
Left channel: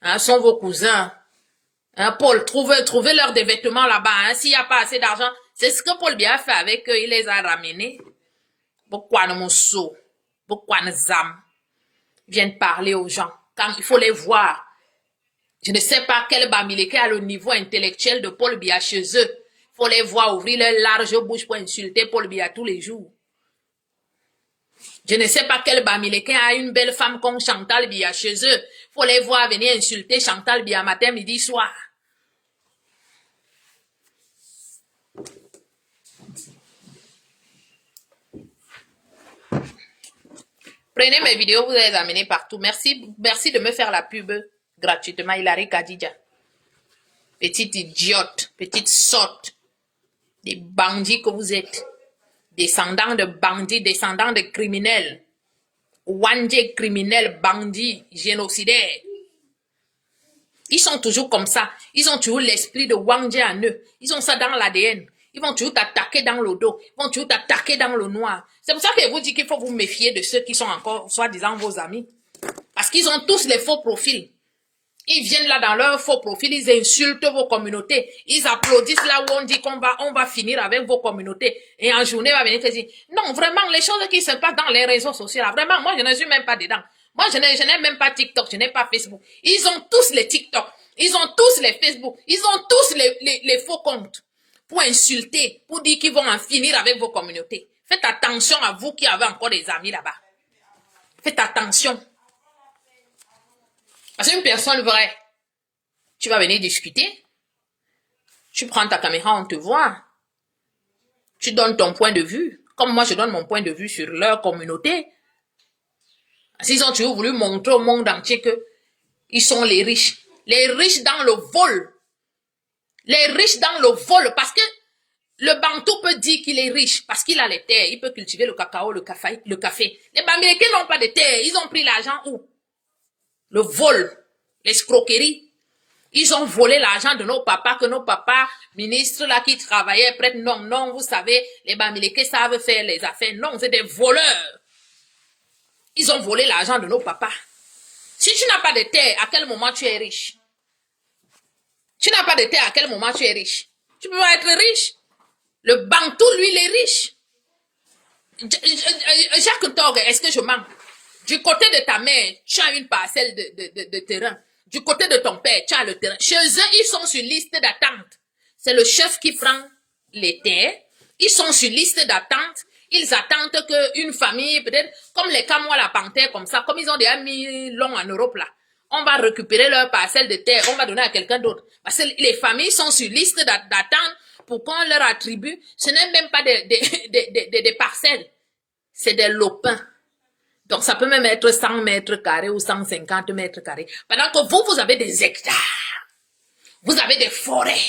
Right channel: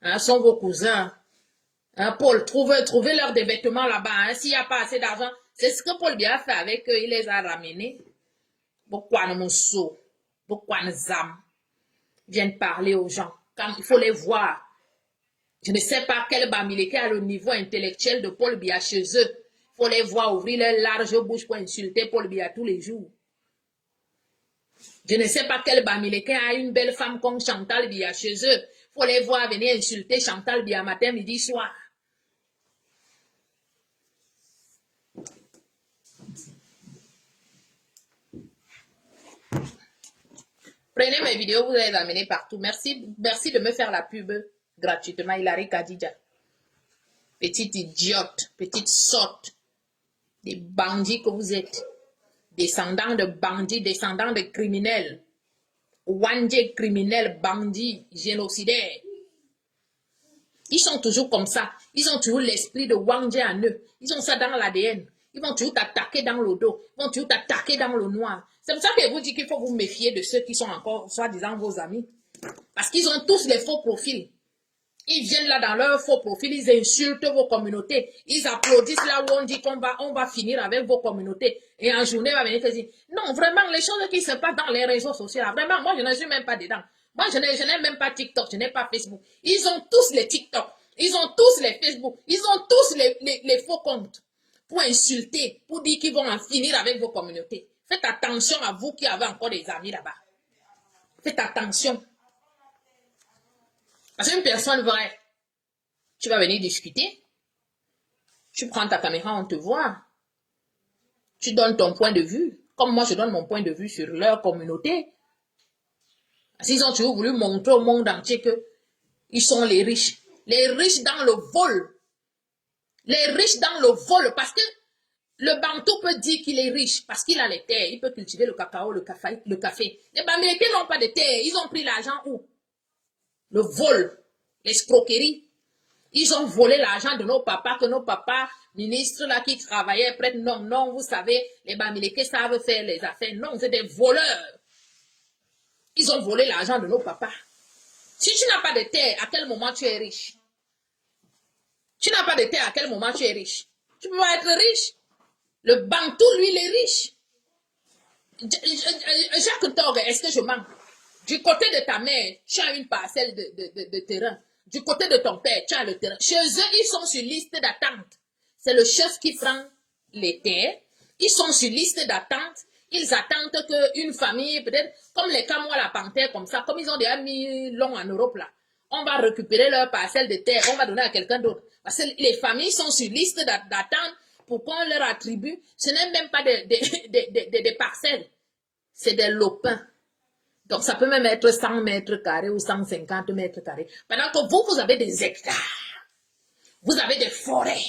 hein, ce sont vos cousins. Hein, Paul, trouvez leur des vêtements là-bas, hein, s'il n'y a pas assez d'argent. C'est ce que Paul Biya fait avec eux, il les a ramenés. Pourquoi ne monceau? Pourquoi ne zam? Viennent parler aux gens. Quand il faut les voir. Je ne sais pas quel Bamileke a le niveau intellectuel de Paul Biya chez eux. Il faut les voir ouvrir leur large bouche pour insulter Paul Biya tous les jours. Je ne sais pas quel Bamileke a une belle femme comme Chantal Biya chez eux. Il faut les voir venir insulter Chantal Biya matin, midi, soir. Prenez mes vidéos, vous les amenez partout. Merci de me faire la pub gratuitement. Hilary Kadija. Petite idiote, petite sotte. Des bandits que vous êtes. Descendants de bandits, descendants de criminels. Wandje criminels, bandits, génocidaires. Ils sont toujours comme ça. Ils ont toujours l'esprit de Wandje en eux. Ils ont ça dans l'ADN. Ils vont toujours t'attaquer dans le dos. Ils vont toujours t'attaquer dans le noir. C'est pour ça que je vous dis qu'il faut vous méfier de ceux qui sont encore, soi-disant, vos amis. Parce qu'ils ont tous les faux profils. Ils viennent là dans leur faux profil, ils insultent vos communautés. Ils applaudissent là où on dit qu'on va finir avec vos communautés. Et en journée, va venir te dire, non, vraiment, les choses qui se passent dans les réseaux sociaux, là, vraiment, moi, je ne suis même pas dedans. Moi, je n'ai même pas TikTok, je n'ai pas Facebook. Ils ont tous les TikTok. Ils ont tous les Facebook. Ils ont tous les faux comptes. Pour insulter, pour dire qu'ils vont en finir avec vos communautés. Faites attention à vous qui avez encore des amis là-bas. Faites attention. Parce qu'une personne vraie, tu vas venir discuter, tu prends ta caméra, on te voit, tu donnes ton point de vue, comme moi je donne mon point de vue sur leur communauté. S'ils ont toujours voulu montrer au monde entier qu'ils sont les riches dans le vol, parce que le Bantou peut dire qu'il est riche, parce qu'il a les terres, il peut cultiver le cacao, le café. Les Bamileke n'ont pas de terre, ils ont pris l'argent où? Le vol, l'escroquerie. Ils ont volé l'argent de nos papas, que nos papas, ministres là qui travaillaient près de non, vous savez, les Bamileke savent faire les affaires. Non, c'est des voleurs. Ils ont volé l'argent de nos papas. Si tu n'as pas de terre, à quel moment tu es riche? Tu n'as pas de terre, à quel moment tu es riche? Tu peux pas être riche. Le Bantou, lui, il est riche. Jacques Torgue, est-ce que je mens? Du côté de ta mère, tu as une parcelle de terrain. Du côté de ton père, tu as le terrain. Chez eux, ils sont sur liste d'attente. C'est le chef qui prend les terres. Ils sont sur liste d'attente. Ils attendent qu'une famille, peut-être, comme les Camois, la panthère, comme ça, comme ils ont déjà mis long en Europe, là, on va récupérer leur parcelle de terre, on va donner à quelqu'un d'autre. Parce que les familles sont sur liste d'attente pour qu'on leur attribue. Ce n'est même pas des parcelles. C'est des lopins. Donc, ça peut même être 100 mètres carrés ou 150 mètres carrés. Pendant que vous avez des hectares. Vous avez des forêts.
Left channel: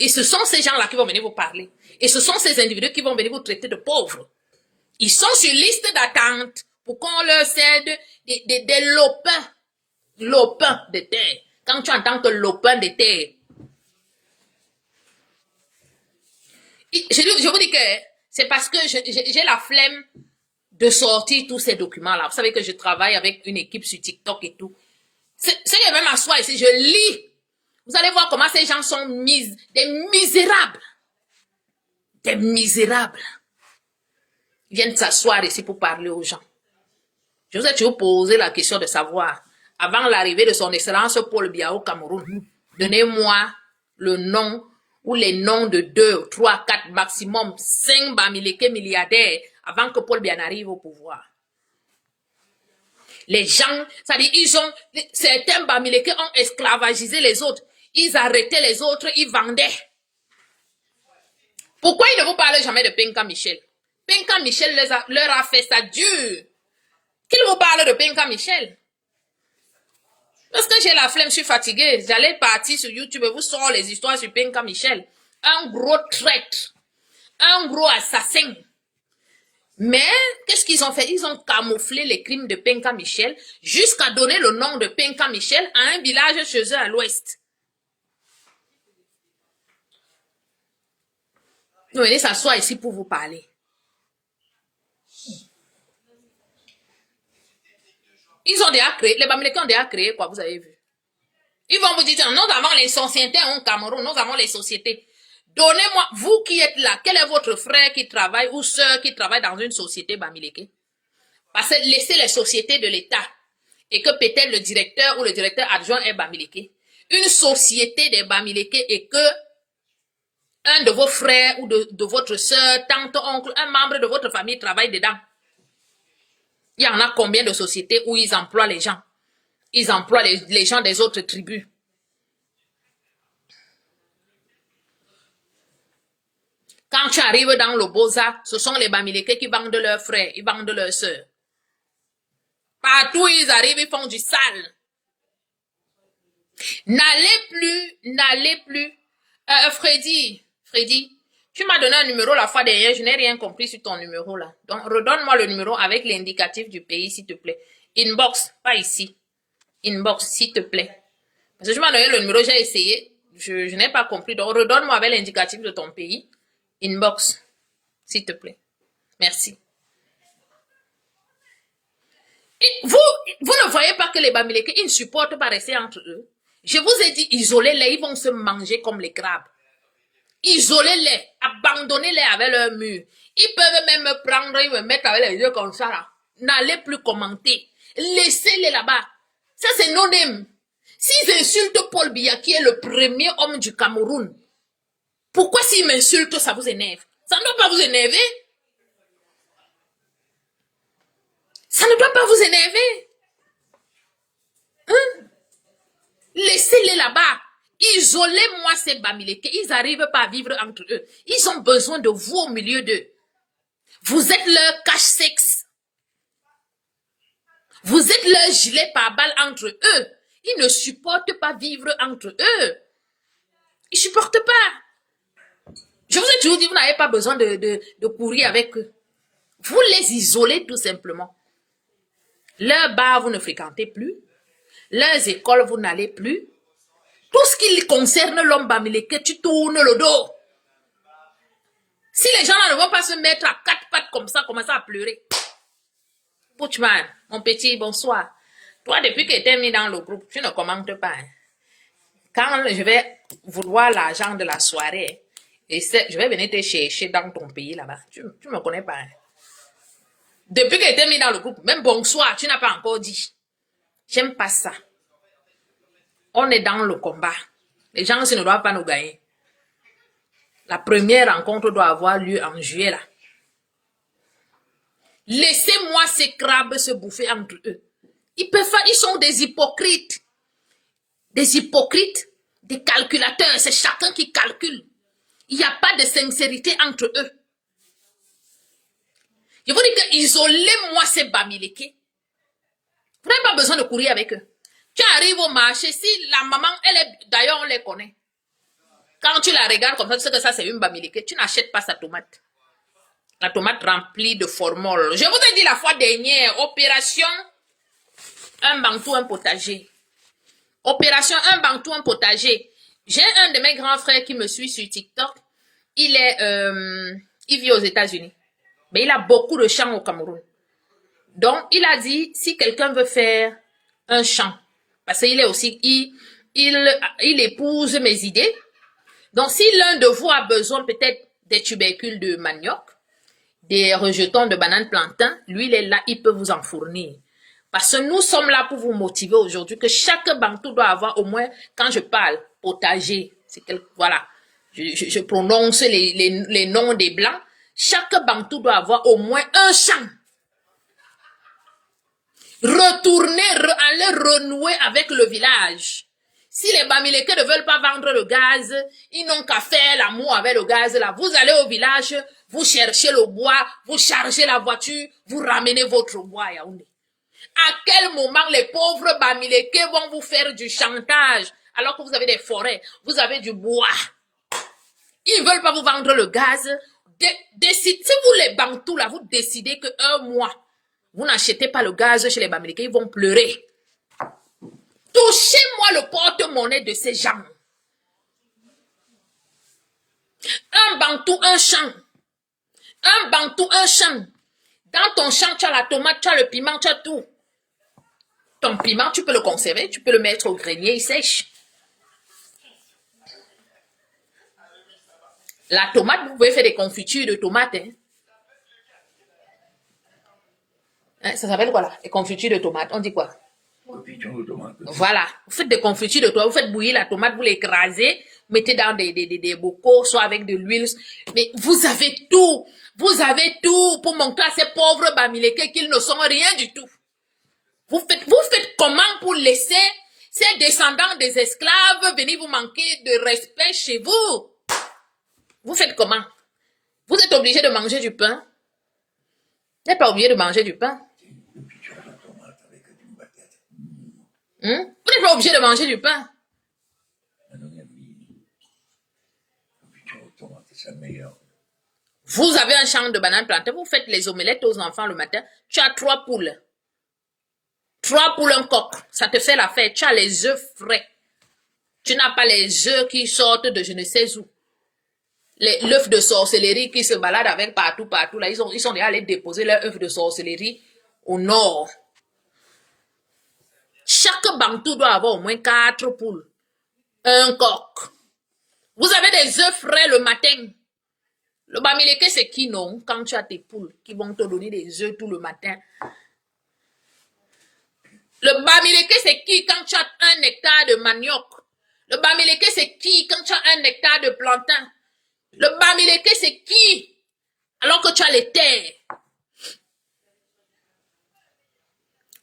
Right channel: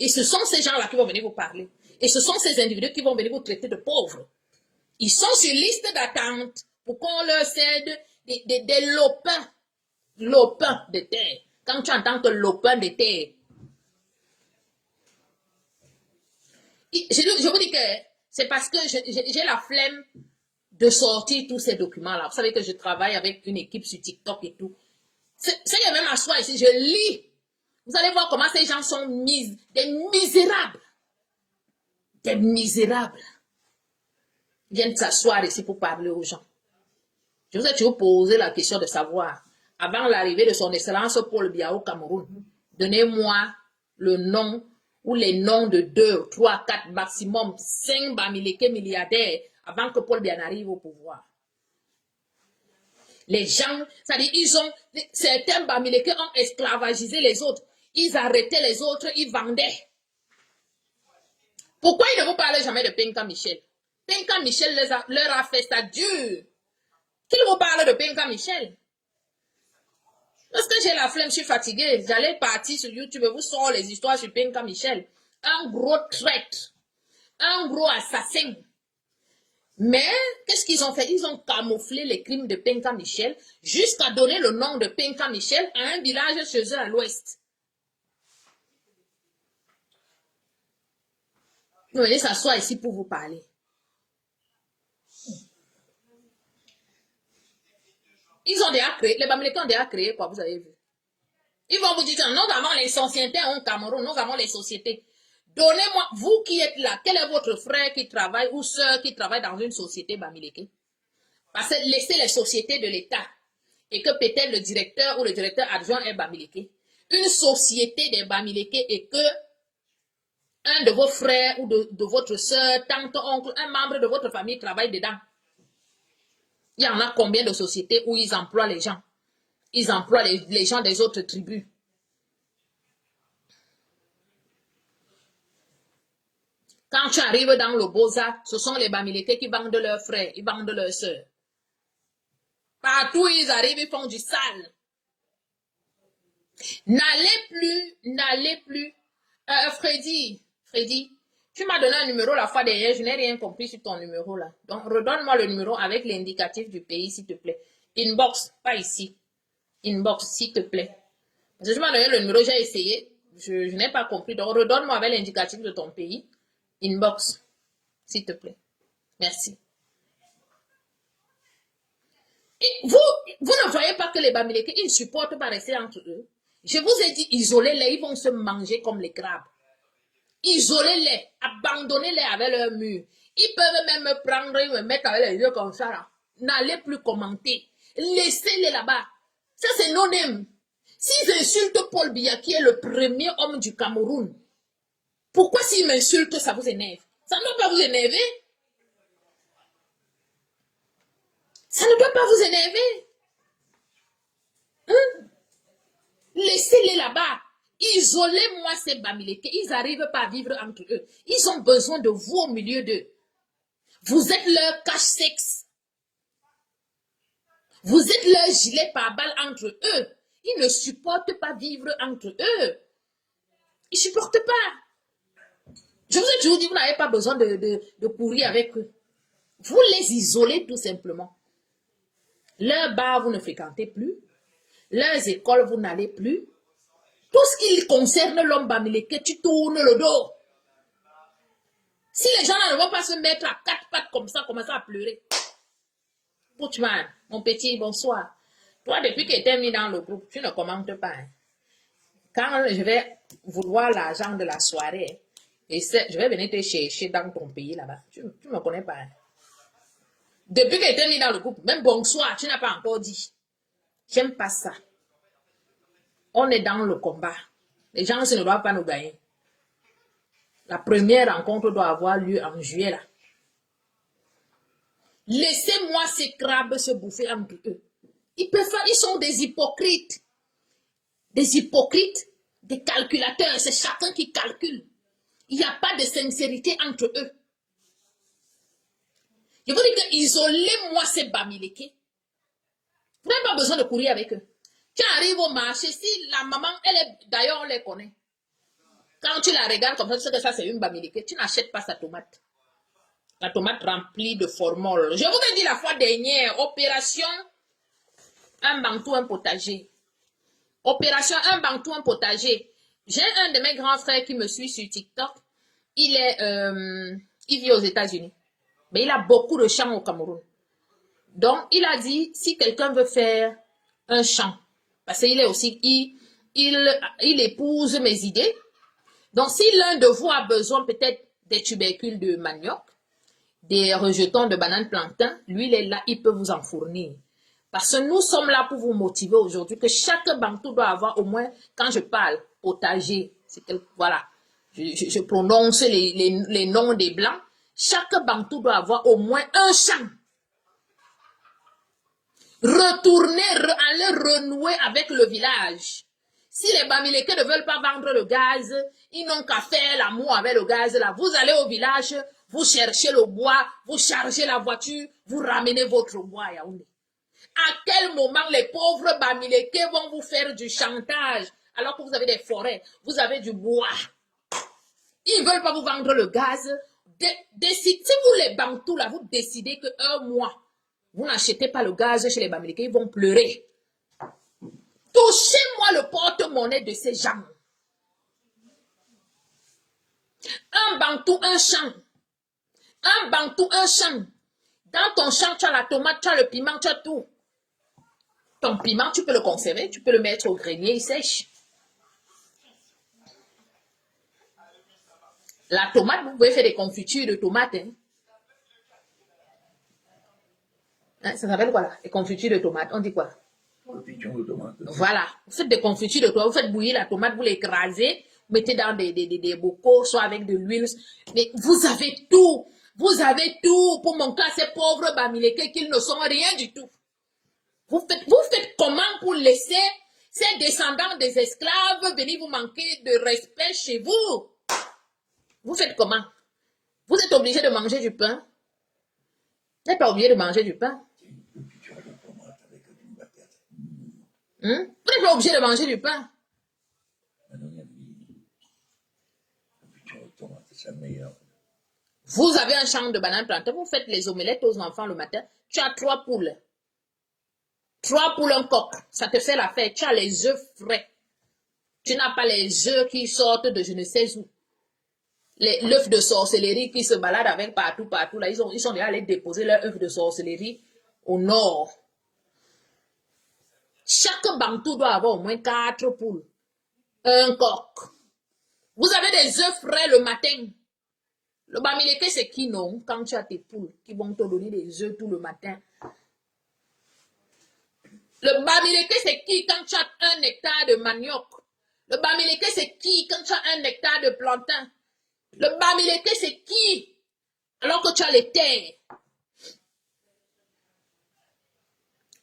Et ce sont ces gens-là qui vont venir vous parler. Et ce sont ces individus qui vont venir vous traiter de pauvres. Ils sont sur liste d'attente pour qu'on leur cède des lopins. Lopins de terre. Quand tu entends que lopin de terre, je vous dis que c'est parce que j'ai la flemme de sortir tous ces documents-là. Vous savez que je travaille avec une équipe sur TikTok et tout. C'est que je vais m'asseoir ici, je lis. Vous allez voir comment ces gens sont des misérables. Des misérables. Ils viennent s'asseoir ici pour parler aux gens. Je vous ai toujours posé la question de savoir, avant l'arrivée de son excellence Paul Biya au Cameroun, donnez-moi le nom ou les noms de 2, 3, 4, maximum 5 Bamileke milliardaires avant que Paul Biya n'arrive au pouvoir. Les gens, c'est-à-dire, certains Bamileke ont esclavagisé les autres. Ils arrêtaient les autres, ils vendaient. Pourquoi ils ne vous parlent jamais de Penka Michel? Penka Michel leur a fait ça dur. Qu'il vous parle de Penka Michel? Parce que j'ai la flemme, je suis fatiguée. J'allais partir sur YouTube et vous sortir les histoires sur Penka Michel. Un gros traître. Un gros assassin. Mais, qu'est-ce qu'ils ont fait? Ils ont camouflé les crimes de Penka Michel jusqu'à donner le nom de Penka Michel à un village chez eux à l'ouest. Vous venez s'asseoir ici pour vous parler. Ils ont déjà créé, les Bamileke ont déjà créé quoi, vous avez vu. Ils vont vous dire, nous avons les sociétés au Cameroun, nous avons les sociétés. Donnez-moi, vous qui êtes là, quel est votre frère qui travaille ou soeur qui travaille dans une société Bamileke? Parce que laissez les sociétés de l'État et que peut-être le directeur ou le directeur adjoint est Bamileke. Une société des Bamileke et que un de vos frères ou de votre soeur, tante, oncle, un membre de votre famille travaille dedans. Il y en a combien de sociétés où ils emploient les gens? Ils emploient les gens des autres tribus. Quand tu arrives dans le Boza, ce sont les Bamileke qui vendent leurs frères, ils vendent leurs sœurs. Partout où ils arrivent, ils font du sale. N'allez plus. Freddy, tu m'as donné un numéro la fois dernière, je n'ai rien compris sur ton numéro là. Donc, redonne-moi le numéro avec l'indicatif du pays, s'il te plaît. Inbox, pas ici. Inbox, s'il te plaît. Parce que je m'as donné le numéro, j'ai essayé Je n'ai pas compris. Donc, redonne-moi avec l'indicatif de ton pays. Inbox, s'il te plaît. Merci. Et vous ne voyez pas que les Bamileke, ils ne supportent pas rester entre eux. Je vous ai dit, isolez-les, ils vont se manger comme les crabes. Isolez-les, abandonnez-les avec leur mur. Ils peuvent même me prendre, ils me mettre avec les yeux comme ça là. N'allez plus commenter. Laissez-les là-bas. Ça, c'est non-aime. S'ils insultent Paul Biya, qui est le premier homme du Cameroun, pourquoi s'ils m'insultent, ça vous énerve? Ça ne doit pas vous énerver. Ça ne doit pas vous énerver. Hein? Laissez-les là-bas. Isolez-moi ces Bamileke. Ils n'arrivent pas à vivre entre eux. Ils ont besoin de vous au milieu d'eux. Vous êtes leur cache-sexe. Vous êtes leur gilet pare-balles entre eux. Ils ne supportent pas vivre entre eux. Ils ne supportent pas. Je vous ai toujours dit, vous n'avez pas besoin de courir avec eux. Vous les isolez tout simplement. Leurs bars, vous ne fréquentez plus. Leurs écoles, vous n'allez plus. Tout ce qui concerne l'homme Bamileke, tu tournes le dos. Si les gens là ne vont pas se mettre à quatre pattes comme ça, commencer à pleurer. Butchman, mon petit, bonsoir. Toi, depuis que tu es mis dans le groupe, tu ne commentes pas. Hein. Quand je vais vouloir l'argent de la soirée, et je vais venir te chercher dans ton pays là-bas. Tu ne me connais pas. Hein. Depuis que tu es mis dans le groupe, même bonsoir, tu n'as pas encore dit. J'aime pas ça. On est dans le combat. Les gens ne doivent pas nous gagner. La première rencontre doit avoir lieu en juillet là. Laissez-moi ces crabes se bouffer entre eux. Ils sont des hypocrites. Des hypocrites, des calculateurs. C'est chacun qui calcule. Il n'y a pas de sincérité entre eux. Je vous dis que isolez-moi ces Bamileke. Vous n'avez pas besoin de courir avec eux. Tu arrives au marché, si la maman, elle est, d'ailleurs on les connaît. Quand tu la regardes comme ça, tu sais que ça c'est une Bamileke, tu n'achètes pas sa tomate. La tomate remplie de formol. Je vous ai dit la fois dernière, opération un bantou, un potager. Opération un bantou, un potager. J'ai un de mes grands frères qui me suit sur TikTok. Il vit aux États-Unis. Mais il a beaucoup de champs au Cameroun. Donc, il a dit, si quelqu'un veut faire un champ, parce qu'il est aussi, il épouse mes idées. Donc, si l'un de vous a besoin peut-être des tubercules de manioc, des rejetons de bananes plantain, lui, il est là, il peut vous en fournir. Parce que nous sommes là pour vous motiver aujourd'hui, que chaque bantou doit avoir au moins, quand je parle, potager, voilà, je prononce les noms des blancs, chaque bantou doit avoir au moins un champ. Retourner, aller renouer avec le village. Si les Bamileke ne veulent pas vendre le gaz, ils n'ont qu'à faire l'amour avec le gaz là. Vous allez au village, vous cherchez le bois, vous chargez la voiture, vous ramenez votre bois à Yaoundé. À quel moment les pauvres Bamileke vont vous faire du chantage alors que vous avez des forêts, vous avez du bois. Ils ne veulent pas vous vendre le gaz. Si vous les Bantous là, vous décidez qu'un mois, vous n'achetez pas le gaz chez les Bamileke, ils vont pleurer. Touchez-moi le porte-monnaie de ces gens. Un Bantou, un champ. Un Bantou, un champ. Dans ton champ, tu as la tomate, tu as le piment, tu as tout. Ton piment, tu peux le conserver, tu peux le mettre au grenier, il sèche. La tomate, vous pouvez faire des confitures de tomates. Hein, ça s'appelle quoi là? Les confitures de tomates, on dit quoi? Voilà, vous faites des confitures de tomates, vous faites bouillir la tomate, vous l'écrasez, vous mettez dans des bocaux, soit avec de l'huile. Mais vous avez tout pour montrer à ces pauvres Bamileke qu'ils ne sont rien du tout. Vous faites comment pour laisser ces descendants des esclaves venir vous manquer de respect chez vous? Vous faites comment? Vous êtes obligé de manger du pain? Vous n'êtes pas obligé de manger du pain? Vous n'êtes pas obligé de manger du pain? Vous avez un champ de bananes plantées, vous faites les omelettes aux enfants le matin, tu as 3 poules. 3 poules, un coq, ça te fait la fête, tu as les œufs frais. Tu n'as pas les œufs qui sortent de je ne sais où. L'œuf de sorcellerie qui se balade avec partout, partout. Là, ils sont déjà allés déposer leur œuf de sorcellerie au nord. Chaque bantou doit avoir au moins 4 poules. Un coq. Vous avez des œufs frais le matin. Le bamileke, c'est qui, non? Quand tu as tes poules qui vont te donner des œufs tout le matin. Le bamileke, c'est qui quand tu as 1 hectare de manioc? Le bamileke, c'est qui quand tu as 1 hectare de plantain? Le bamileke, c'est qui alors que tu as les terres?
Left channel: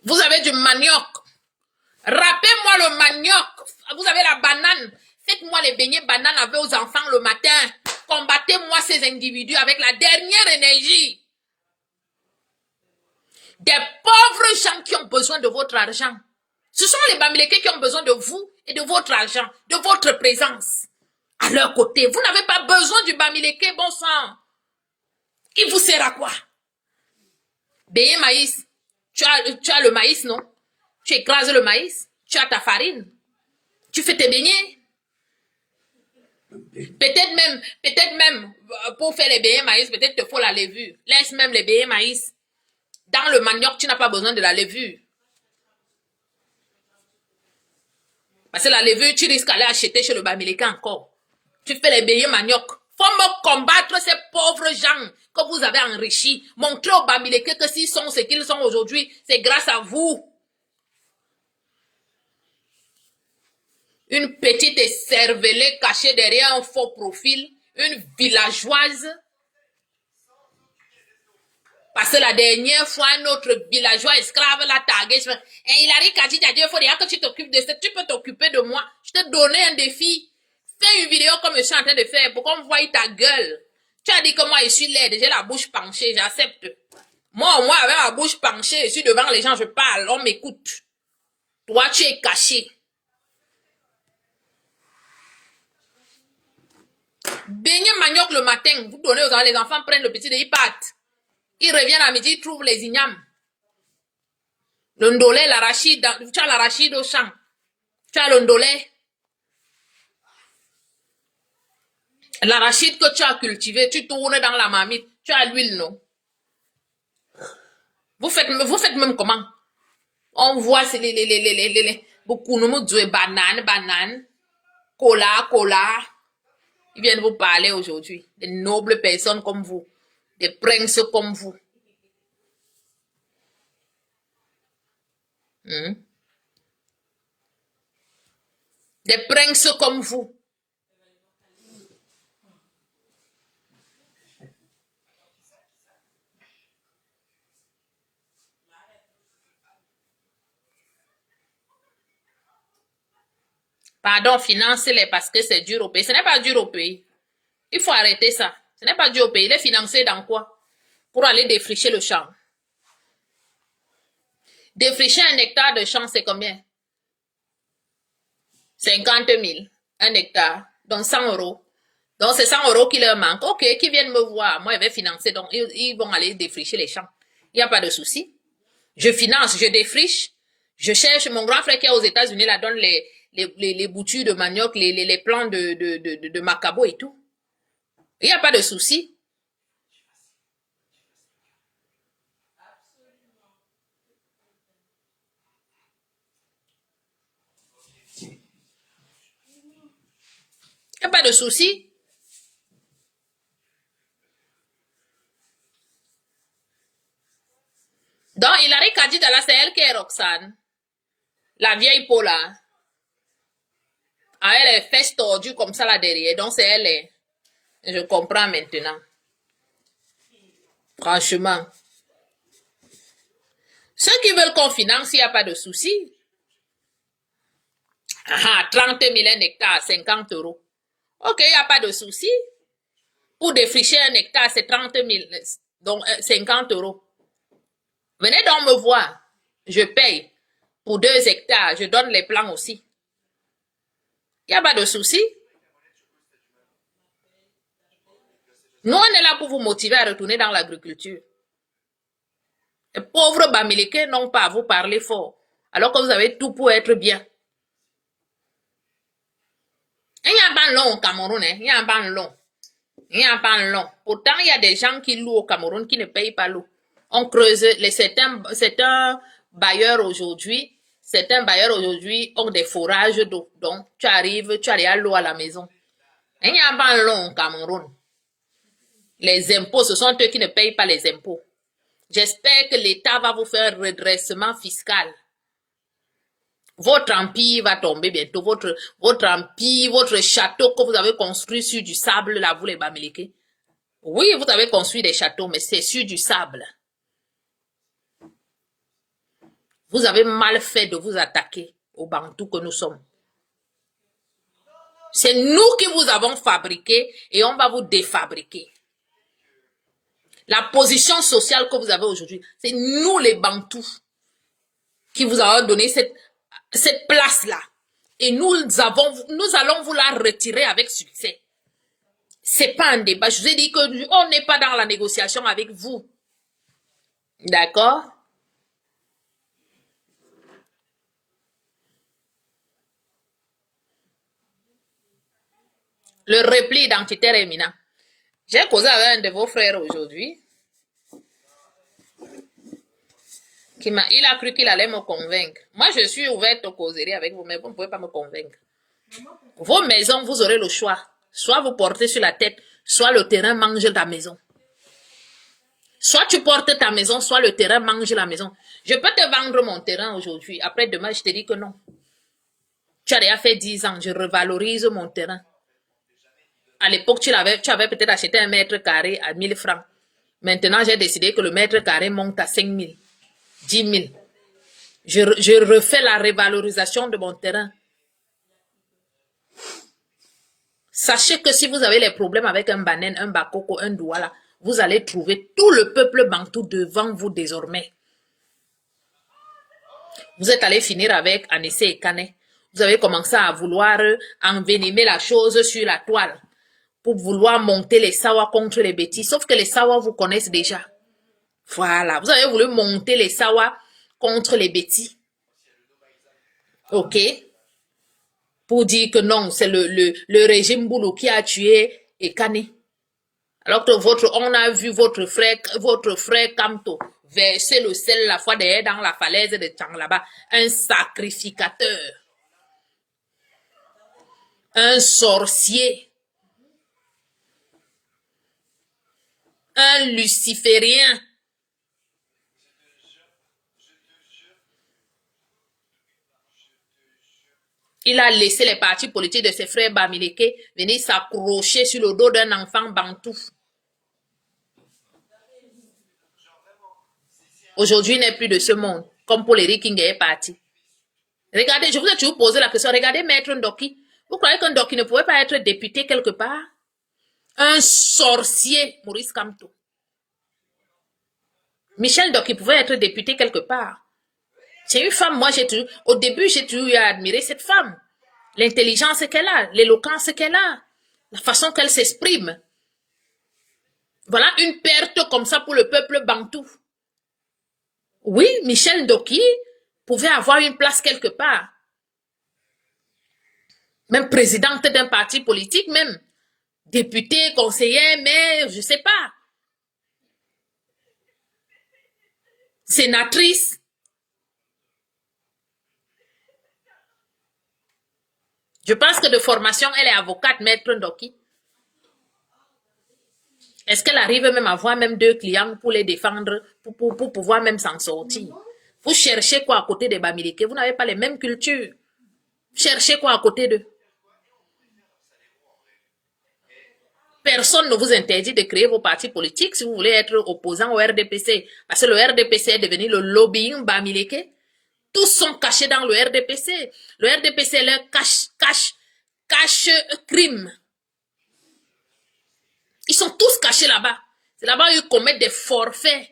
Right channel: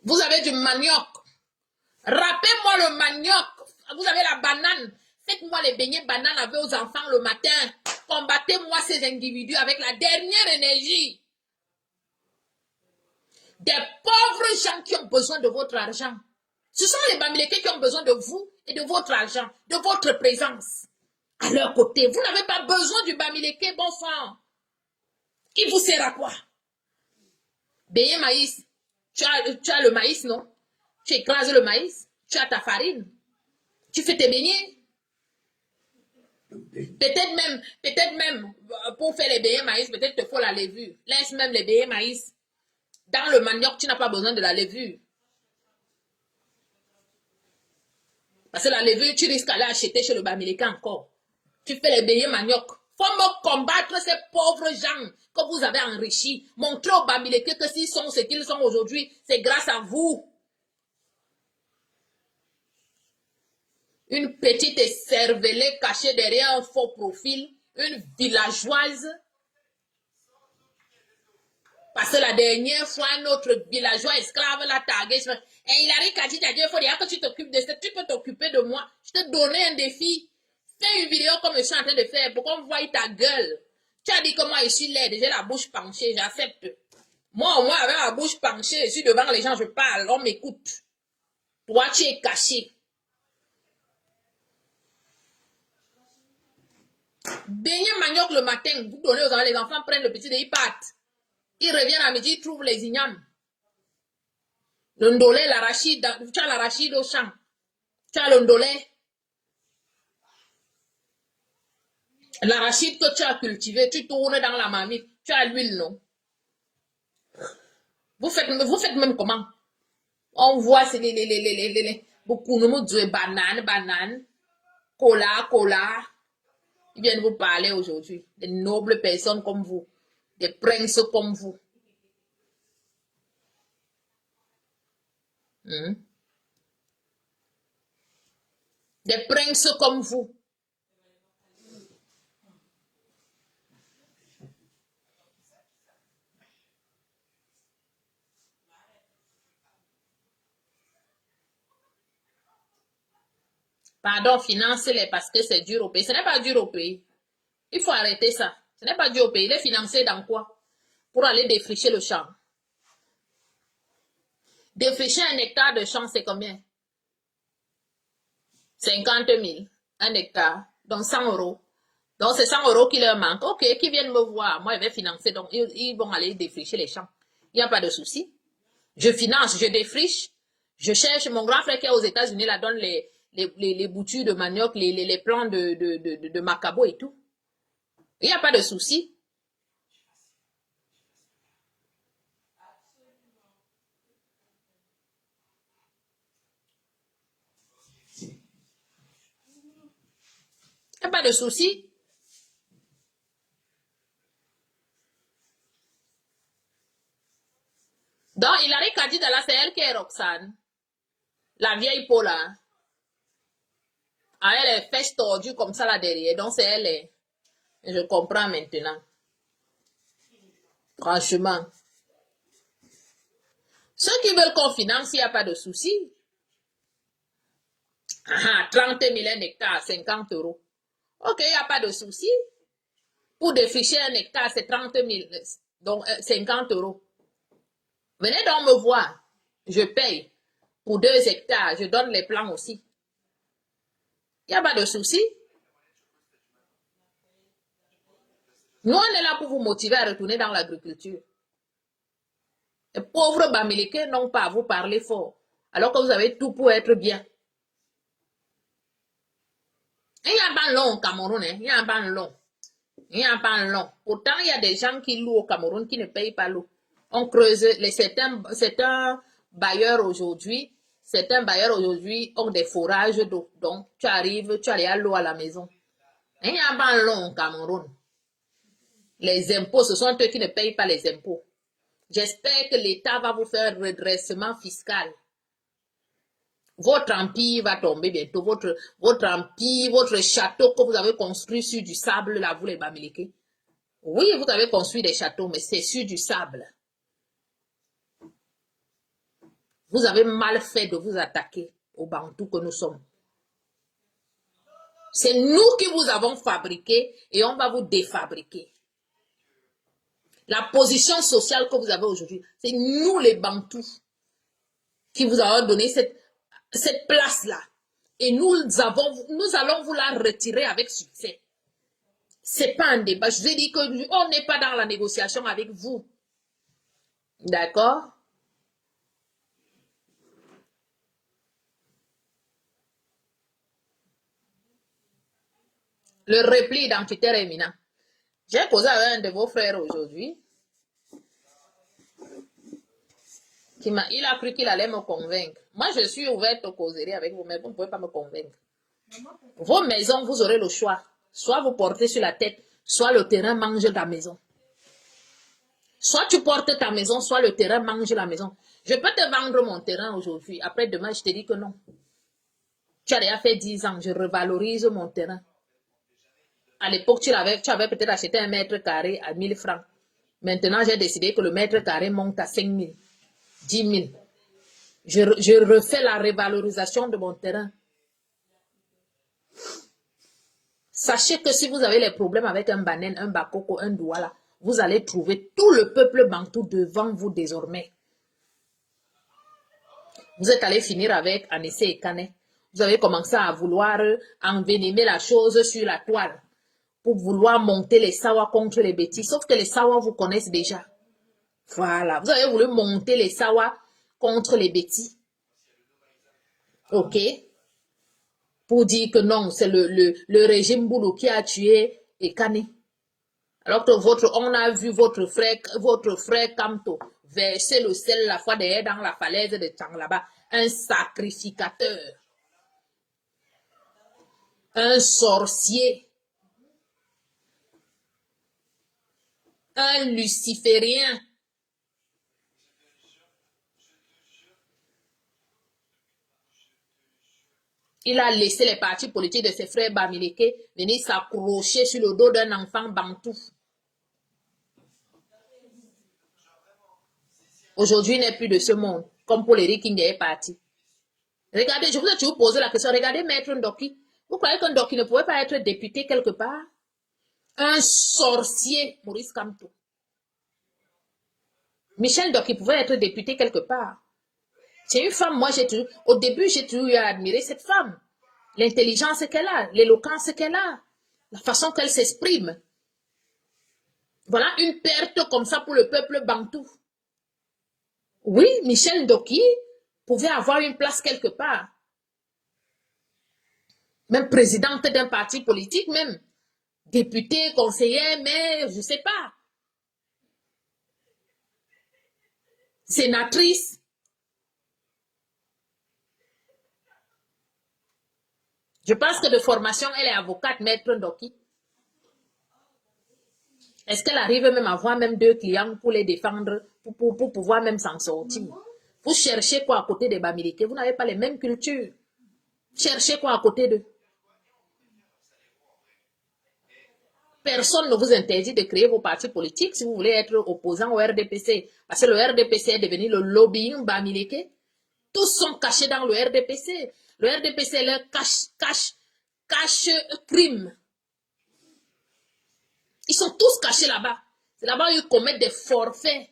Vous avez du manioc. Râpez-moi le manioc. Vous avez la banane. Faites-moi les beignets bananes avec vos enfants le matin. Combattez-moi ces individus avec la dernière énergie. Des pauvres gens qui ont besoin de votre argent. Ce sont les Bamileke qui ont besoin de vous et de votre argent, de votre présence. À leur côté, vous n'avez pas besoin du Bamileke, bon sang. Il vous sert à quoi? Béé maïs. Tu as le maïs, non? Tu écrases le maïs. Tu as ta farine. Tu fais tes beignets. Peut-être même, pour faire les beignets maïs, peut-être te faut la levure. Laisse même les beignets maïs. Dans le manioc, tu n'as pas besoin de la levure. Parce que la levure, tu risques d'aller acheter chez le Bamileke encore. Tu fais les beignets manioc. Faut me combattre ces pauvres gens que vous avez enrichis. Montrez au Bamileke que s'ils sont ce qu'ils sont aujourd'hui, c'est grâce à vous. Une petite écervelée cachée derrière un faux profil. Une villageoise. Parce que la dernière fois, un autre villageois esclave l'a tagué. Et il arrive à dire, il faut dire que tu t'occupes de ça. Tu peux t'occuper de moi. Je te donnais un défi. Fais une vidéo comme je suis en train de faire pour qu'on voie ta gueule. Tu as dit que moi, je suis laide. J'ai la bouche penchée. J'accepte. Moi, au moins, avec ma bouche penchée, je suis devant les gens, je parle. On m'écoute. Toi, tu es caché. Beignet manioc le matin. Vous donnez aux enfants, les enfants prennent le petit de ils partent. Ils reviennent à midi, ils trouvent les ignames. Le ndolé, l'arachide, tu as l'arachide au champ. Tu as le ndolé. L'arachide que tu as cultivé, tu tournes dans la marmite. Tu as l'huile, non? Vous faites même comment? On voit beaucoup de banane, cola. Ils viennent vous parler aujourd'hui. Des nobles personnes comme vous. Des princes comme vous. Des princes comme vous. Pardon, financez-les parce que c'est dur au pays. Ce n'est pas dur au pays. Il faut arrêter ça. Ce n'est pas dur au pays. Il est financé dans quoi? Pour aller défricher le champ. Défricher 1 hectare de champ, c'est combien? 50 000. 1 hectare. Donc 100 euros. Donc c'est 100 euros qui leur manque. Ok, qui viennent me voir. Moi, je vais financer. Donc ils vont aller défricher les champs. Il n'y a pas de souci. Je finance, je défriche. Je cherche. Mon grand frère qui est aux États-Unis, là, donne les boutures de manioc, les plants de macabo et tout. Il n'y a pas de souci. Il n'y a pas de souci. Donc, Hilary Kadidala, c'est elle qui est Roxane. La vieille Paula. Ah, elle est fesses tordues comme ça là derrière. Donc, c'est elle. Je comprends maintenant. Franchement. Ceux qui veulent qu'on finance, il n'y a pas de souci. Ah, 30 000 un hectare, 50 euros. Ok, il n'y a pas de souci. Pour défricher 1 hectare, c'est 30 000, donc 50 euros. Venez donc me voir. Je paye. Pour 2 hectares, je donne les plans aussi. Il n'y a pas de souci. Nous, on est là pour vous motiver à retourner dans l'agriculture. Les pauvres Bamileke n'ont pas à vous parler fort, alors que vous avez tout pour être bien. Il y a un ban long au Cameroun, hein. Il y a un ban long. Il y a un ban long. Pourtant, il y a des gens qui louent au Cameroun qui ne payent pas l'eau. On creuse certains bailleurs aujourd'hui ont des forages d'eau. Donc, tu arrives à l'eau à la maison. Il y a un ban long au Cameroun. Les impôts, ce sont eux qui ne payent pas les impôts. J'espère que l'État va vous faire un redressement fiscal. Votre empire va tomber bientôt. Votre empire, votre château que vous avez construit sur du sable, là, vous les Bamileke. Oui, vous avez construit des châteaux, mais c'est sur du sable. Vous avez mal fait de vous attaquer aux Bantous que nous sommes. C'est nous qui vous avons fabriqué et on va vous défabriquer. La position sociale que vous avez aujourd'hui, c'est nous les Bantous qui vous avons donné cette place-là. Et nous allons vous la retirer avec succès. C'est pas un débat. Je vous ai dit qu'on n'est pas dans la négociation avec vous. D'accord? Le repli identitaire éminent. J'ai causé avec un de vos frères aujourd'hui. Il a cru qu'il allait me convaincre. Moi, je suis ouverte aux causeries avec vous, mais vous ne pouvez pas me convaincre. Vos maisons, vous aurez le choix. Soit vous portez sur la tête, soit le terrain mange ta maison. Soit tu portes ta maison, soit le terrain mange la maison. Je peux te vendre mon terrain aujourd'hui. Après demain, je te dis que non. Tu as déjà fait 10 ans, je revalorise mon terrain. À l'époque, tu avais peut-être acheté un mètre carré à 1000 francs. Maintenant, j'ai décidé que le mètre carré monte à 5 000, 10 000. Je refais la revalorisation de mon terrain. Sachez que si vous avez les problèmes avec un Banen, un Bakoko, un Douala, vous allez trouver tout le peuple bantou devant vous désormais. Vous êtes allé finir avec Anissé et Kane. Vous avez commencé à vouloir envenimer la chose sur la toile pour vouloir monter les Sawa contre les bêtis. Sauf que les Sawa vous connaissent déjà. Voilà. Vous avez voulu monter les Sawa contre les bêtis. OK? Pour dire que non, c'est le régime Boulou qui a tué Ekane. Alors que on a vu votre frère Kamto verser le sel la fois derrière dans la falaise de Tchang là-bas. Un sacrificateur. Un sorcier. Un luciférien. Il a laissé les partis politiques de ses frères Bamileke venir s'accrocher sur le dos d'un enfant bantou. Aujourd'hui, il n'est plus de ce monde, comme Paul Eric King est parti. Regardez, je vous ai toujours posé la question, regardez Maître Ndoki. Vous croyez qu'un Ndoki ne pouvait pas être député quelque part? Un sorcier, Maurice Kamto. Michel Ndoki pouvait être député quelque part. C'est une femme, au début, j'ai toujours eu à admirer cette femme. L'intelligence qu'elle a, l'éloquence qu'elle a, la façon qu'elle s'exprime. Voilà une perte comme ça pour le peuple bantou. Oui, Michel Ndoki pouvait avoir une place quelque part. Même présidente d'un parti politique, même députée, conseillère, maire, je ne sais pas. Sénatrice. Je pense que de formation, elle est avocate, Maître Ndoki. Est-ce qu'elle arrive même à avoir même 2 clients pour les défendre, pour pouvoir même s'en sortir? Vous cherchez quoi à côté des Bamileke? Vous n'avez pas les mêmes cultures. Cherchez quoi à côté d'eux? Personne ne vous interdit de créer vos partis politiques si vous voulez être opposant au RDPC. Parce que le RDPC est devenu le lobbying Bamileke. Tous sont cachés dans le RDPC. Le RDPC est leur cache crime. Ils sont tous cachés là-bas. C'est là-bas qu'ils commettent des forfaits.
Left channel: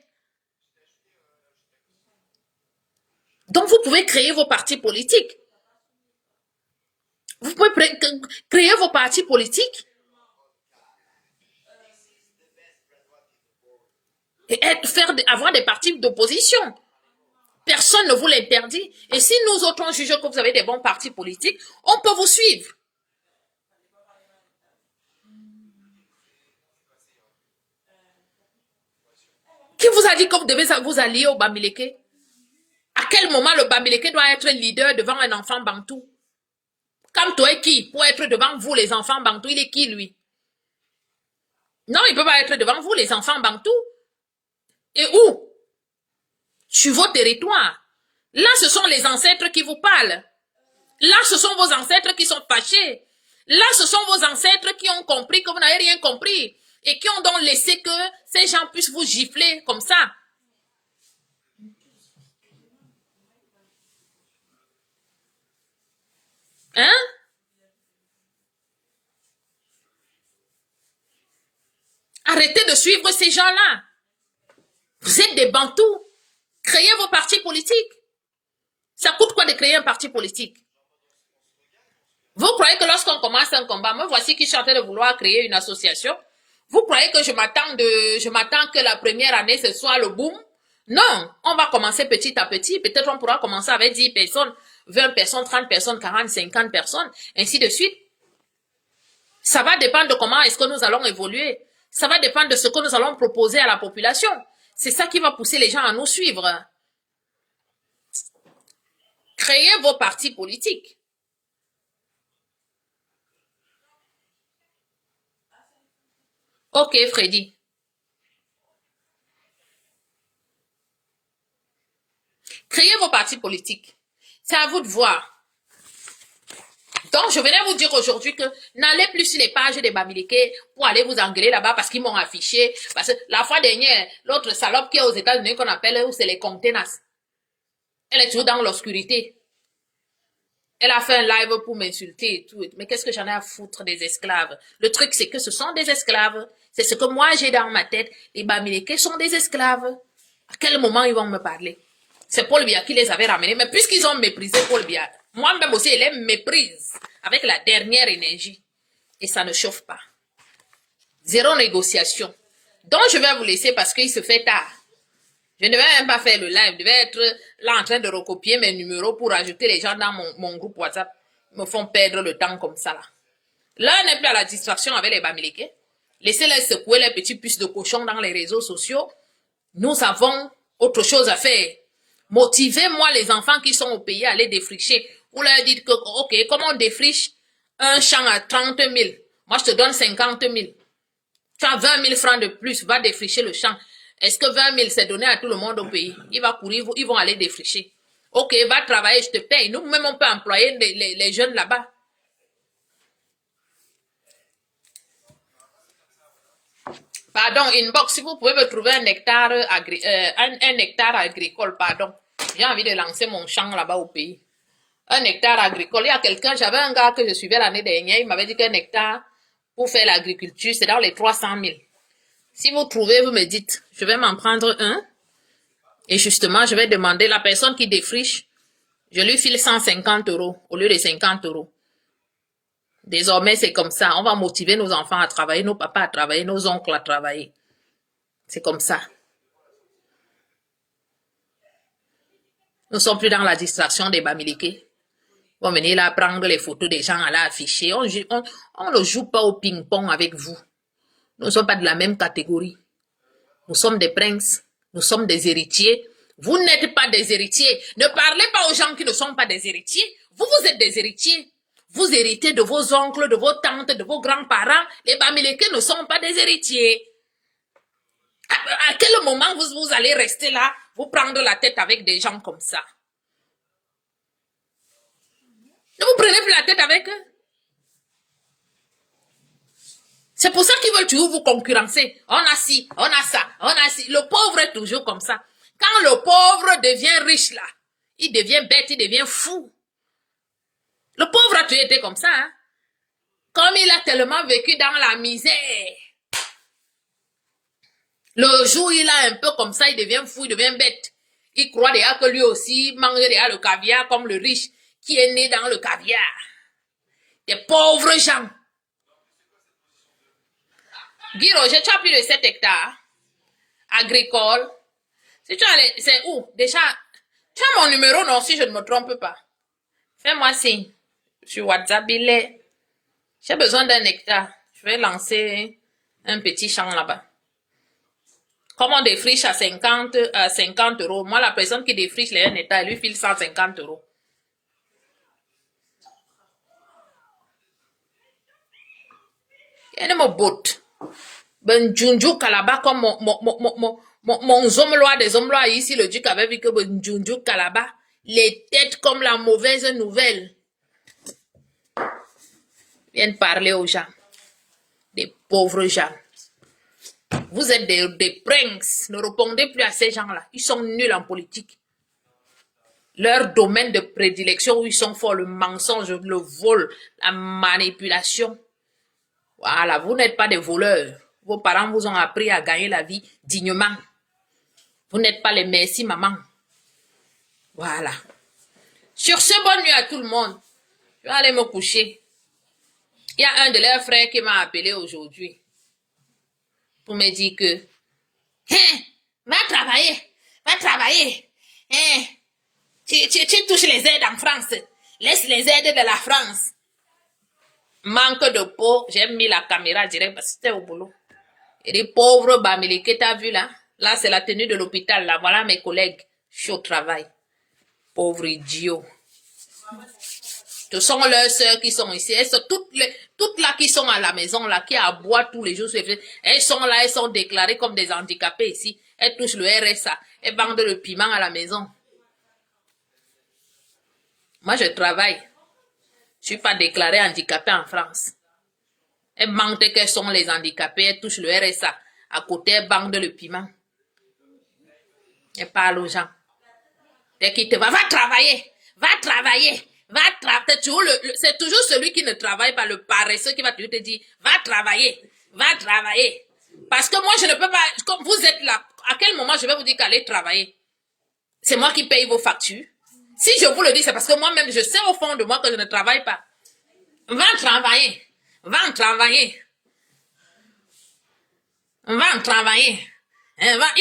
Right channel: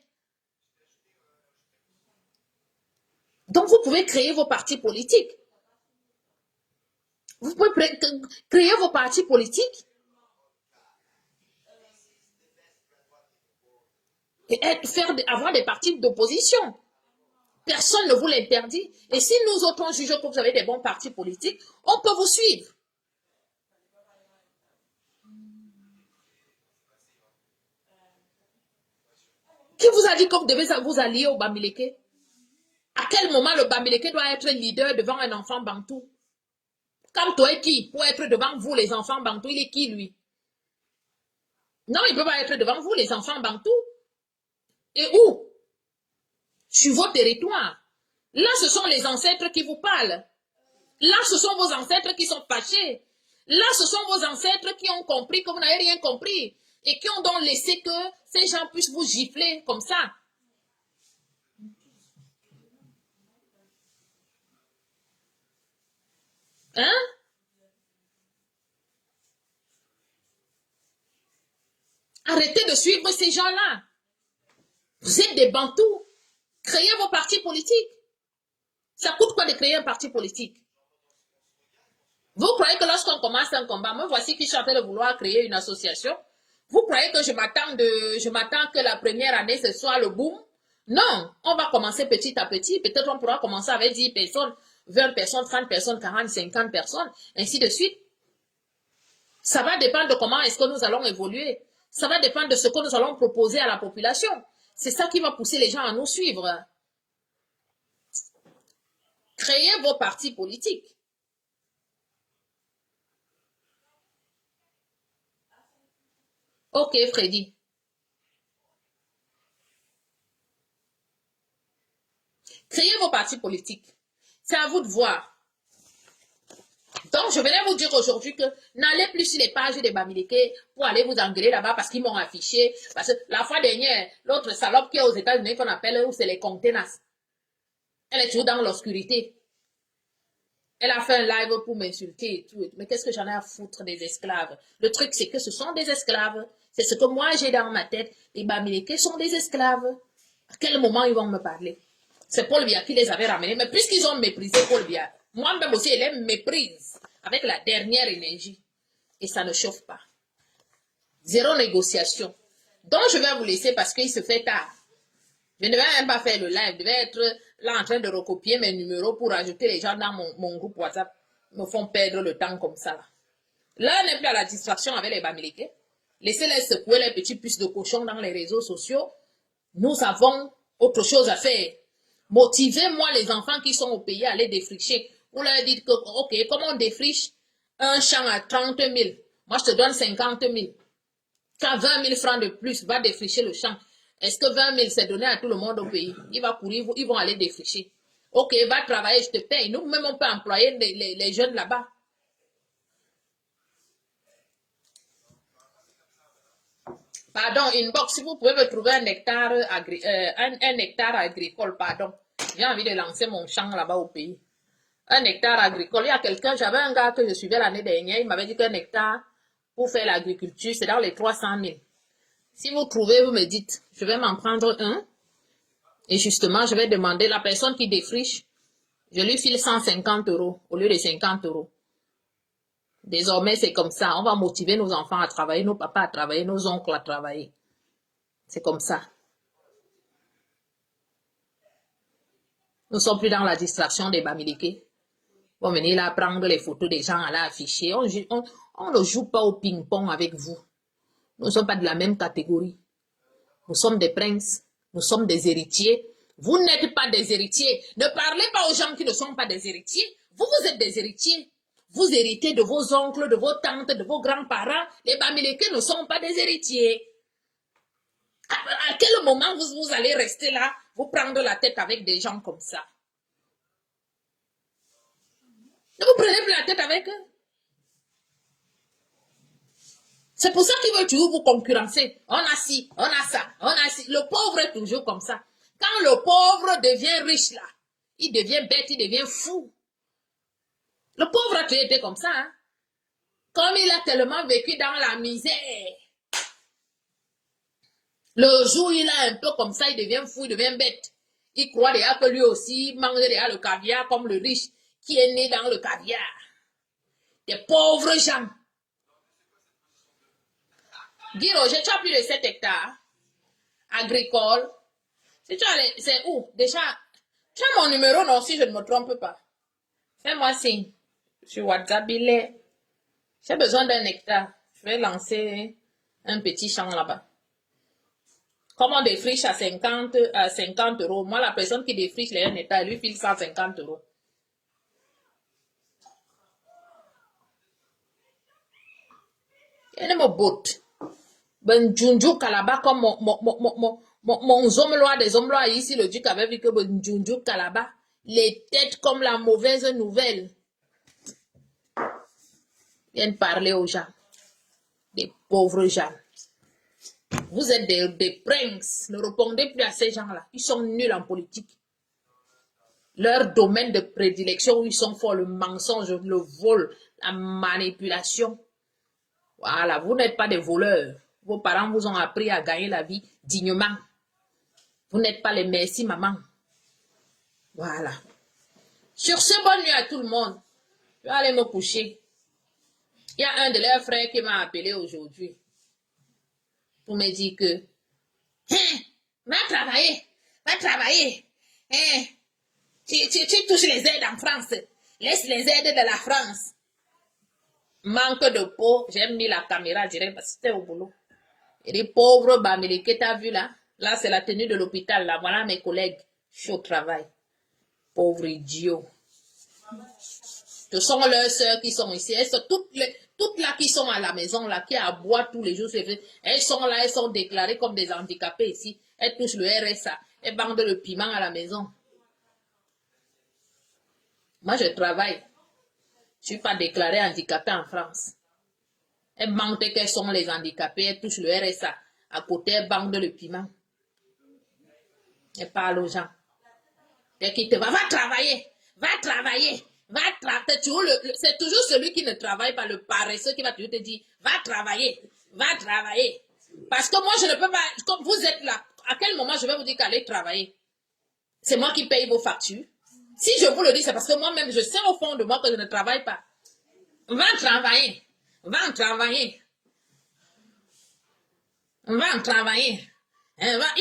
Donc, vous pouvez créer vos partis politiques. Vous pouvez créer vos partis politiques. Et avoir des partis d'opposition. Personne ne vous l'interdit. Et si nous autres jugeons que vous avez des bons partis politiques, on peut vous suivre. Qui vous a dit que vous devez vous allier au Bamileke? À quel moment le Bamileke doit être leader devant un enfant bantou? Kamto est qui pour être devant vous, les enfants bantou? Il est qui, lui? Non, il ne peut pas être devant vous, les enfants bantou. Et où? Sur vos territoires. Là, ce sont les ancêtres qui vous parlent. Là, ce sont vos ancêtres qui sont fâchés. Là, ce sont vos ancêtres qui ont compris que vous n'avez rien compris et qui ont donc laissé que ces gens puissent vous gifler comme ça. Hein? Arrêtez de suivre ces gens-là. Vous êtes des bantous. Créez vos partis politiques. Ça coûte quoi de créer un parti politique? Vous croyez que lorsqu'on commence un combat, moi voici qui suis en train de vouloir créer une association. Vous croyez que je m'attends que la première année ce soit le boom? Non, on va commencer petit à petit. Peut-être on pourra commencer avec 10 personnes, 20 personnes, 30 personnes, 40, 50 personnes, ainsi de suite. Ça va dépendre de comment est-ce que nous allons évoluer. Ça va dépendre de ce que nous allons proposer à la population. C'est ça qui va pousser les gens à nous suivre. Créez vos partis politiques. Ok, Freddy. Créez vos partis politiques. C'est à vous de voir. Donc, je venais vous dire aujourd'hui que n'allez plus sur les pages des Bamileke pour aller vous engueuler là-bas parce qu'ils m'ont affiché. Parce que la fois dernière, l'autre salope qui est aux États-Unis qu'on appelle, où c'est les conteneurs. Elle est toujours dans l'obscurité. Elle a fait un live pour m'insulter et tout. Mais qu'est-ce que j'en ai à foutre des esclaves? Le truc, c'est que ce sont des esclaves. C'est ce que moi j'ai dans ma tête. Les Bamileke sont des esclaves. À quel moment ils vont me parler? C'est Paul Biya qui les avait ramenés. Mais puisqu'ils ont méprisé Paul Biya, moi-même aussi, elle les méprise avec la dernière énergie. Et ça ne chauffe pas. Zéro négociation. Donc, je vais vous laisser parce qu'il se fait tard. Je ne vais même pas faire le live. Je vais être là en train de recopier mes numéros pour ajouter les gens dans mon groupe WhatsApp. Ils me font perdre le temps comme ça là. Là, on n'est plus à la distraction avec les Bamileke. Laissez-les secouer les petits puces de cochon dans les réseaux sociaux. Nous avons autre chose à faire. Motivez-moi les enfants qui sont au pays à aller défricher. Vous leur dites que, ok, comment on défriche un champ à 30 000? Moi, je te donne 50 000. Tu as 20 000 francs de plus, va défricher le champ. Est-ce que 20 000, c'est donné à tout le monde au pays? Il va courir, ils vont aller défricher. Ok, va travailler, je te paye. Nous-mêmes, on peut employer les jeunes là-bas. Pardon, inbox, si vous pouvez me trouver un hectare, un hectare agricole, pardon. J'ai envie de lancer mon champ là-bas au pays. Un hectare agricole. Il y a quelqu'un, j'avais un gars que je suivais l'année dernière, il m'avait dit qu'un hectare pour faire l'agriculture, c'est dans les 300 000. Si vous trouvez, vous me dites, je vais m'en prendre un. Et justement, je vais demander la personne qui défriche, je lui file 150 € au lieu de 50 €. Désormais, c'est comme ça. On va motiver nos enfants à travailler, nos papas à travailler, nos oncles à travailler. C'est comme ça. Nous ne sommes plus dans la distraction des Bamileke. On va venir là prendre les photos des gens à l'afficher. On ne joue pas au ping-pong avec vous. Nous ne sommes pas de la même catégorie. Nous sommes des princes. Nous sommes des héritiers. Vous n'êtes pas des héritiers. Ne parlez pas aux gens qui ne sont pas des héritiers. Vous, vous êtes des héritiers. Vous héritez de vos oncles, de vos tantes, de vos grands-parents. Les Bamileke ne sont pas des héritiers. À quel moment vous allez rester là, vous prendre la tête avec des gens comme ça? Ne vous prenez plus la tête avec eux. C'est pour ça qu'ils veulent toujours vous concurrencer. On a ci, on a ça, on a ci. Le pauvre est toujours comme ça. Quand le pauvre devient riche là, il devient bête, il devient fou. Le pauvre a toujours été comme ça. Hein? Comme il a tellement vécu dans la misère. Le jour où il a un peu comme ça, il devient fou, il devient bête. Il croit déjà que lui aussi mange déjà le caviar comme le riche qui est né dans le caviar. Des pauvres gens. Guy Roger, tu as plus de 7 hectares agricole. Si tu as c'est où? Déjà, tu as mon numéro, non, si je ne me trompe pas. Fais-moi signe. Sur WhatsApp, il est. J'ai besoin d'un hectare. Je vais lancer un petit champ là-bas. Comme on défriche à 50 euros, moi, la personne qui défriche les 1 hectare, elle lui file 150 euros. Elle me botte. Ben, Junju Kalaba, comme mon zomlois des zomlois ici, le duc avait vu que ben, Junju Kalaba, les têtes comme la mauvaise nouvelle. Viennent parler aux gens. Des pauvres gens. Vous êtes des princes. Ne répondez plus à ces gens-là. Ils sont nuls en politique. Leur domaine de prédilection où ils sont forts, le mensonge, le vol, la manipulation. Voilà, vous n'êtes pas des voleurs. Vos parents vous ont appris à gagner la vie dignement. Vous n'êtes pas les merci maman. Voilà. Sur ce, bonne nuit à tout le monde. Je vais aller me coucher. Il y a un de leurs frères qui m'a appelé aujourd'hui pour me dire que hein, va travailler. Hein, tu touches les aides en France. Laisse les aides de la France. Manque de peau, j'ai mis la caméra direct parce que c'était au boulot. Et les pauvres Bamili que t'as vu là, là c'est la tenue de l'hôpital, là, voilà mes collègues, je suis au travail. Pauvres idiots. Ce sont leurs sœurs qui sont ici, elles sont toutes là qui sont à la maison, là, qui aboient tous les jours, elles sont là, elles sont déclarées comme des handicapés ici, elles touchent le RSA, elles vendent le piment à la maison. Moi je travaille. Je suis pas déclarée handicapée en France. Elles mentent qu'elles sont les handicapés, elles touchent le RSA. À côté, elles vendent le piment. Elles parlent aux gens. Dès qu'ils te va travailler. C'est toujours celui qui ne travaille pas, le paresseux qui va toujours te dire, va travailler. Parce que moi, je ne peux pas, comme vous êtes là, à quel moment je vais vous dire qu'allez travailler? C'est moi qui paye vos factures. Si je vous le dis, c'est parce que moi-même, je sais au fond de moi que je ne travaille pas. Va travailler. Il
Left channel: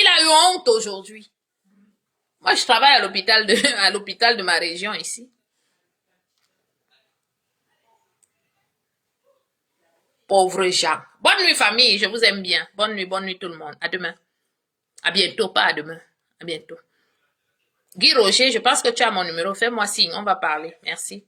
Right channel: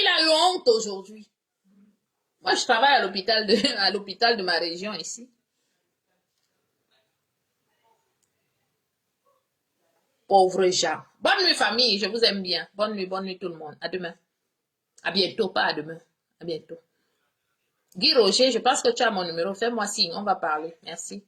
a eu honte aujourd'hui. Moi, je travaille à l'hôpital de ma région ici. Pauvres gens. Bonne nuit, famille. Je vous aime bien. Bonne nuit tout le monde. À demain. À bientôt, pas à demain. À bientôt. Guy Roger, je pense que tu as mon numéro. Fais-moi signe. On va parler. Merci.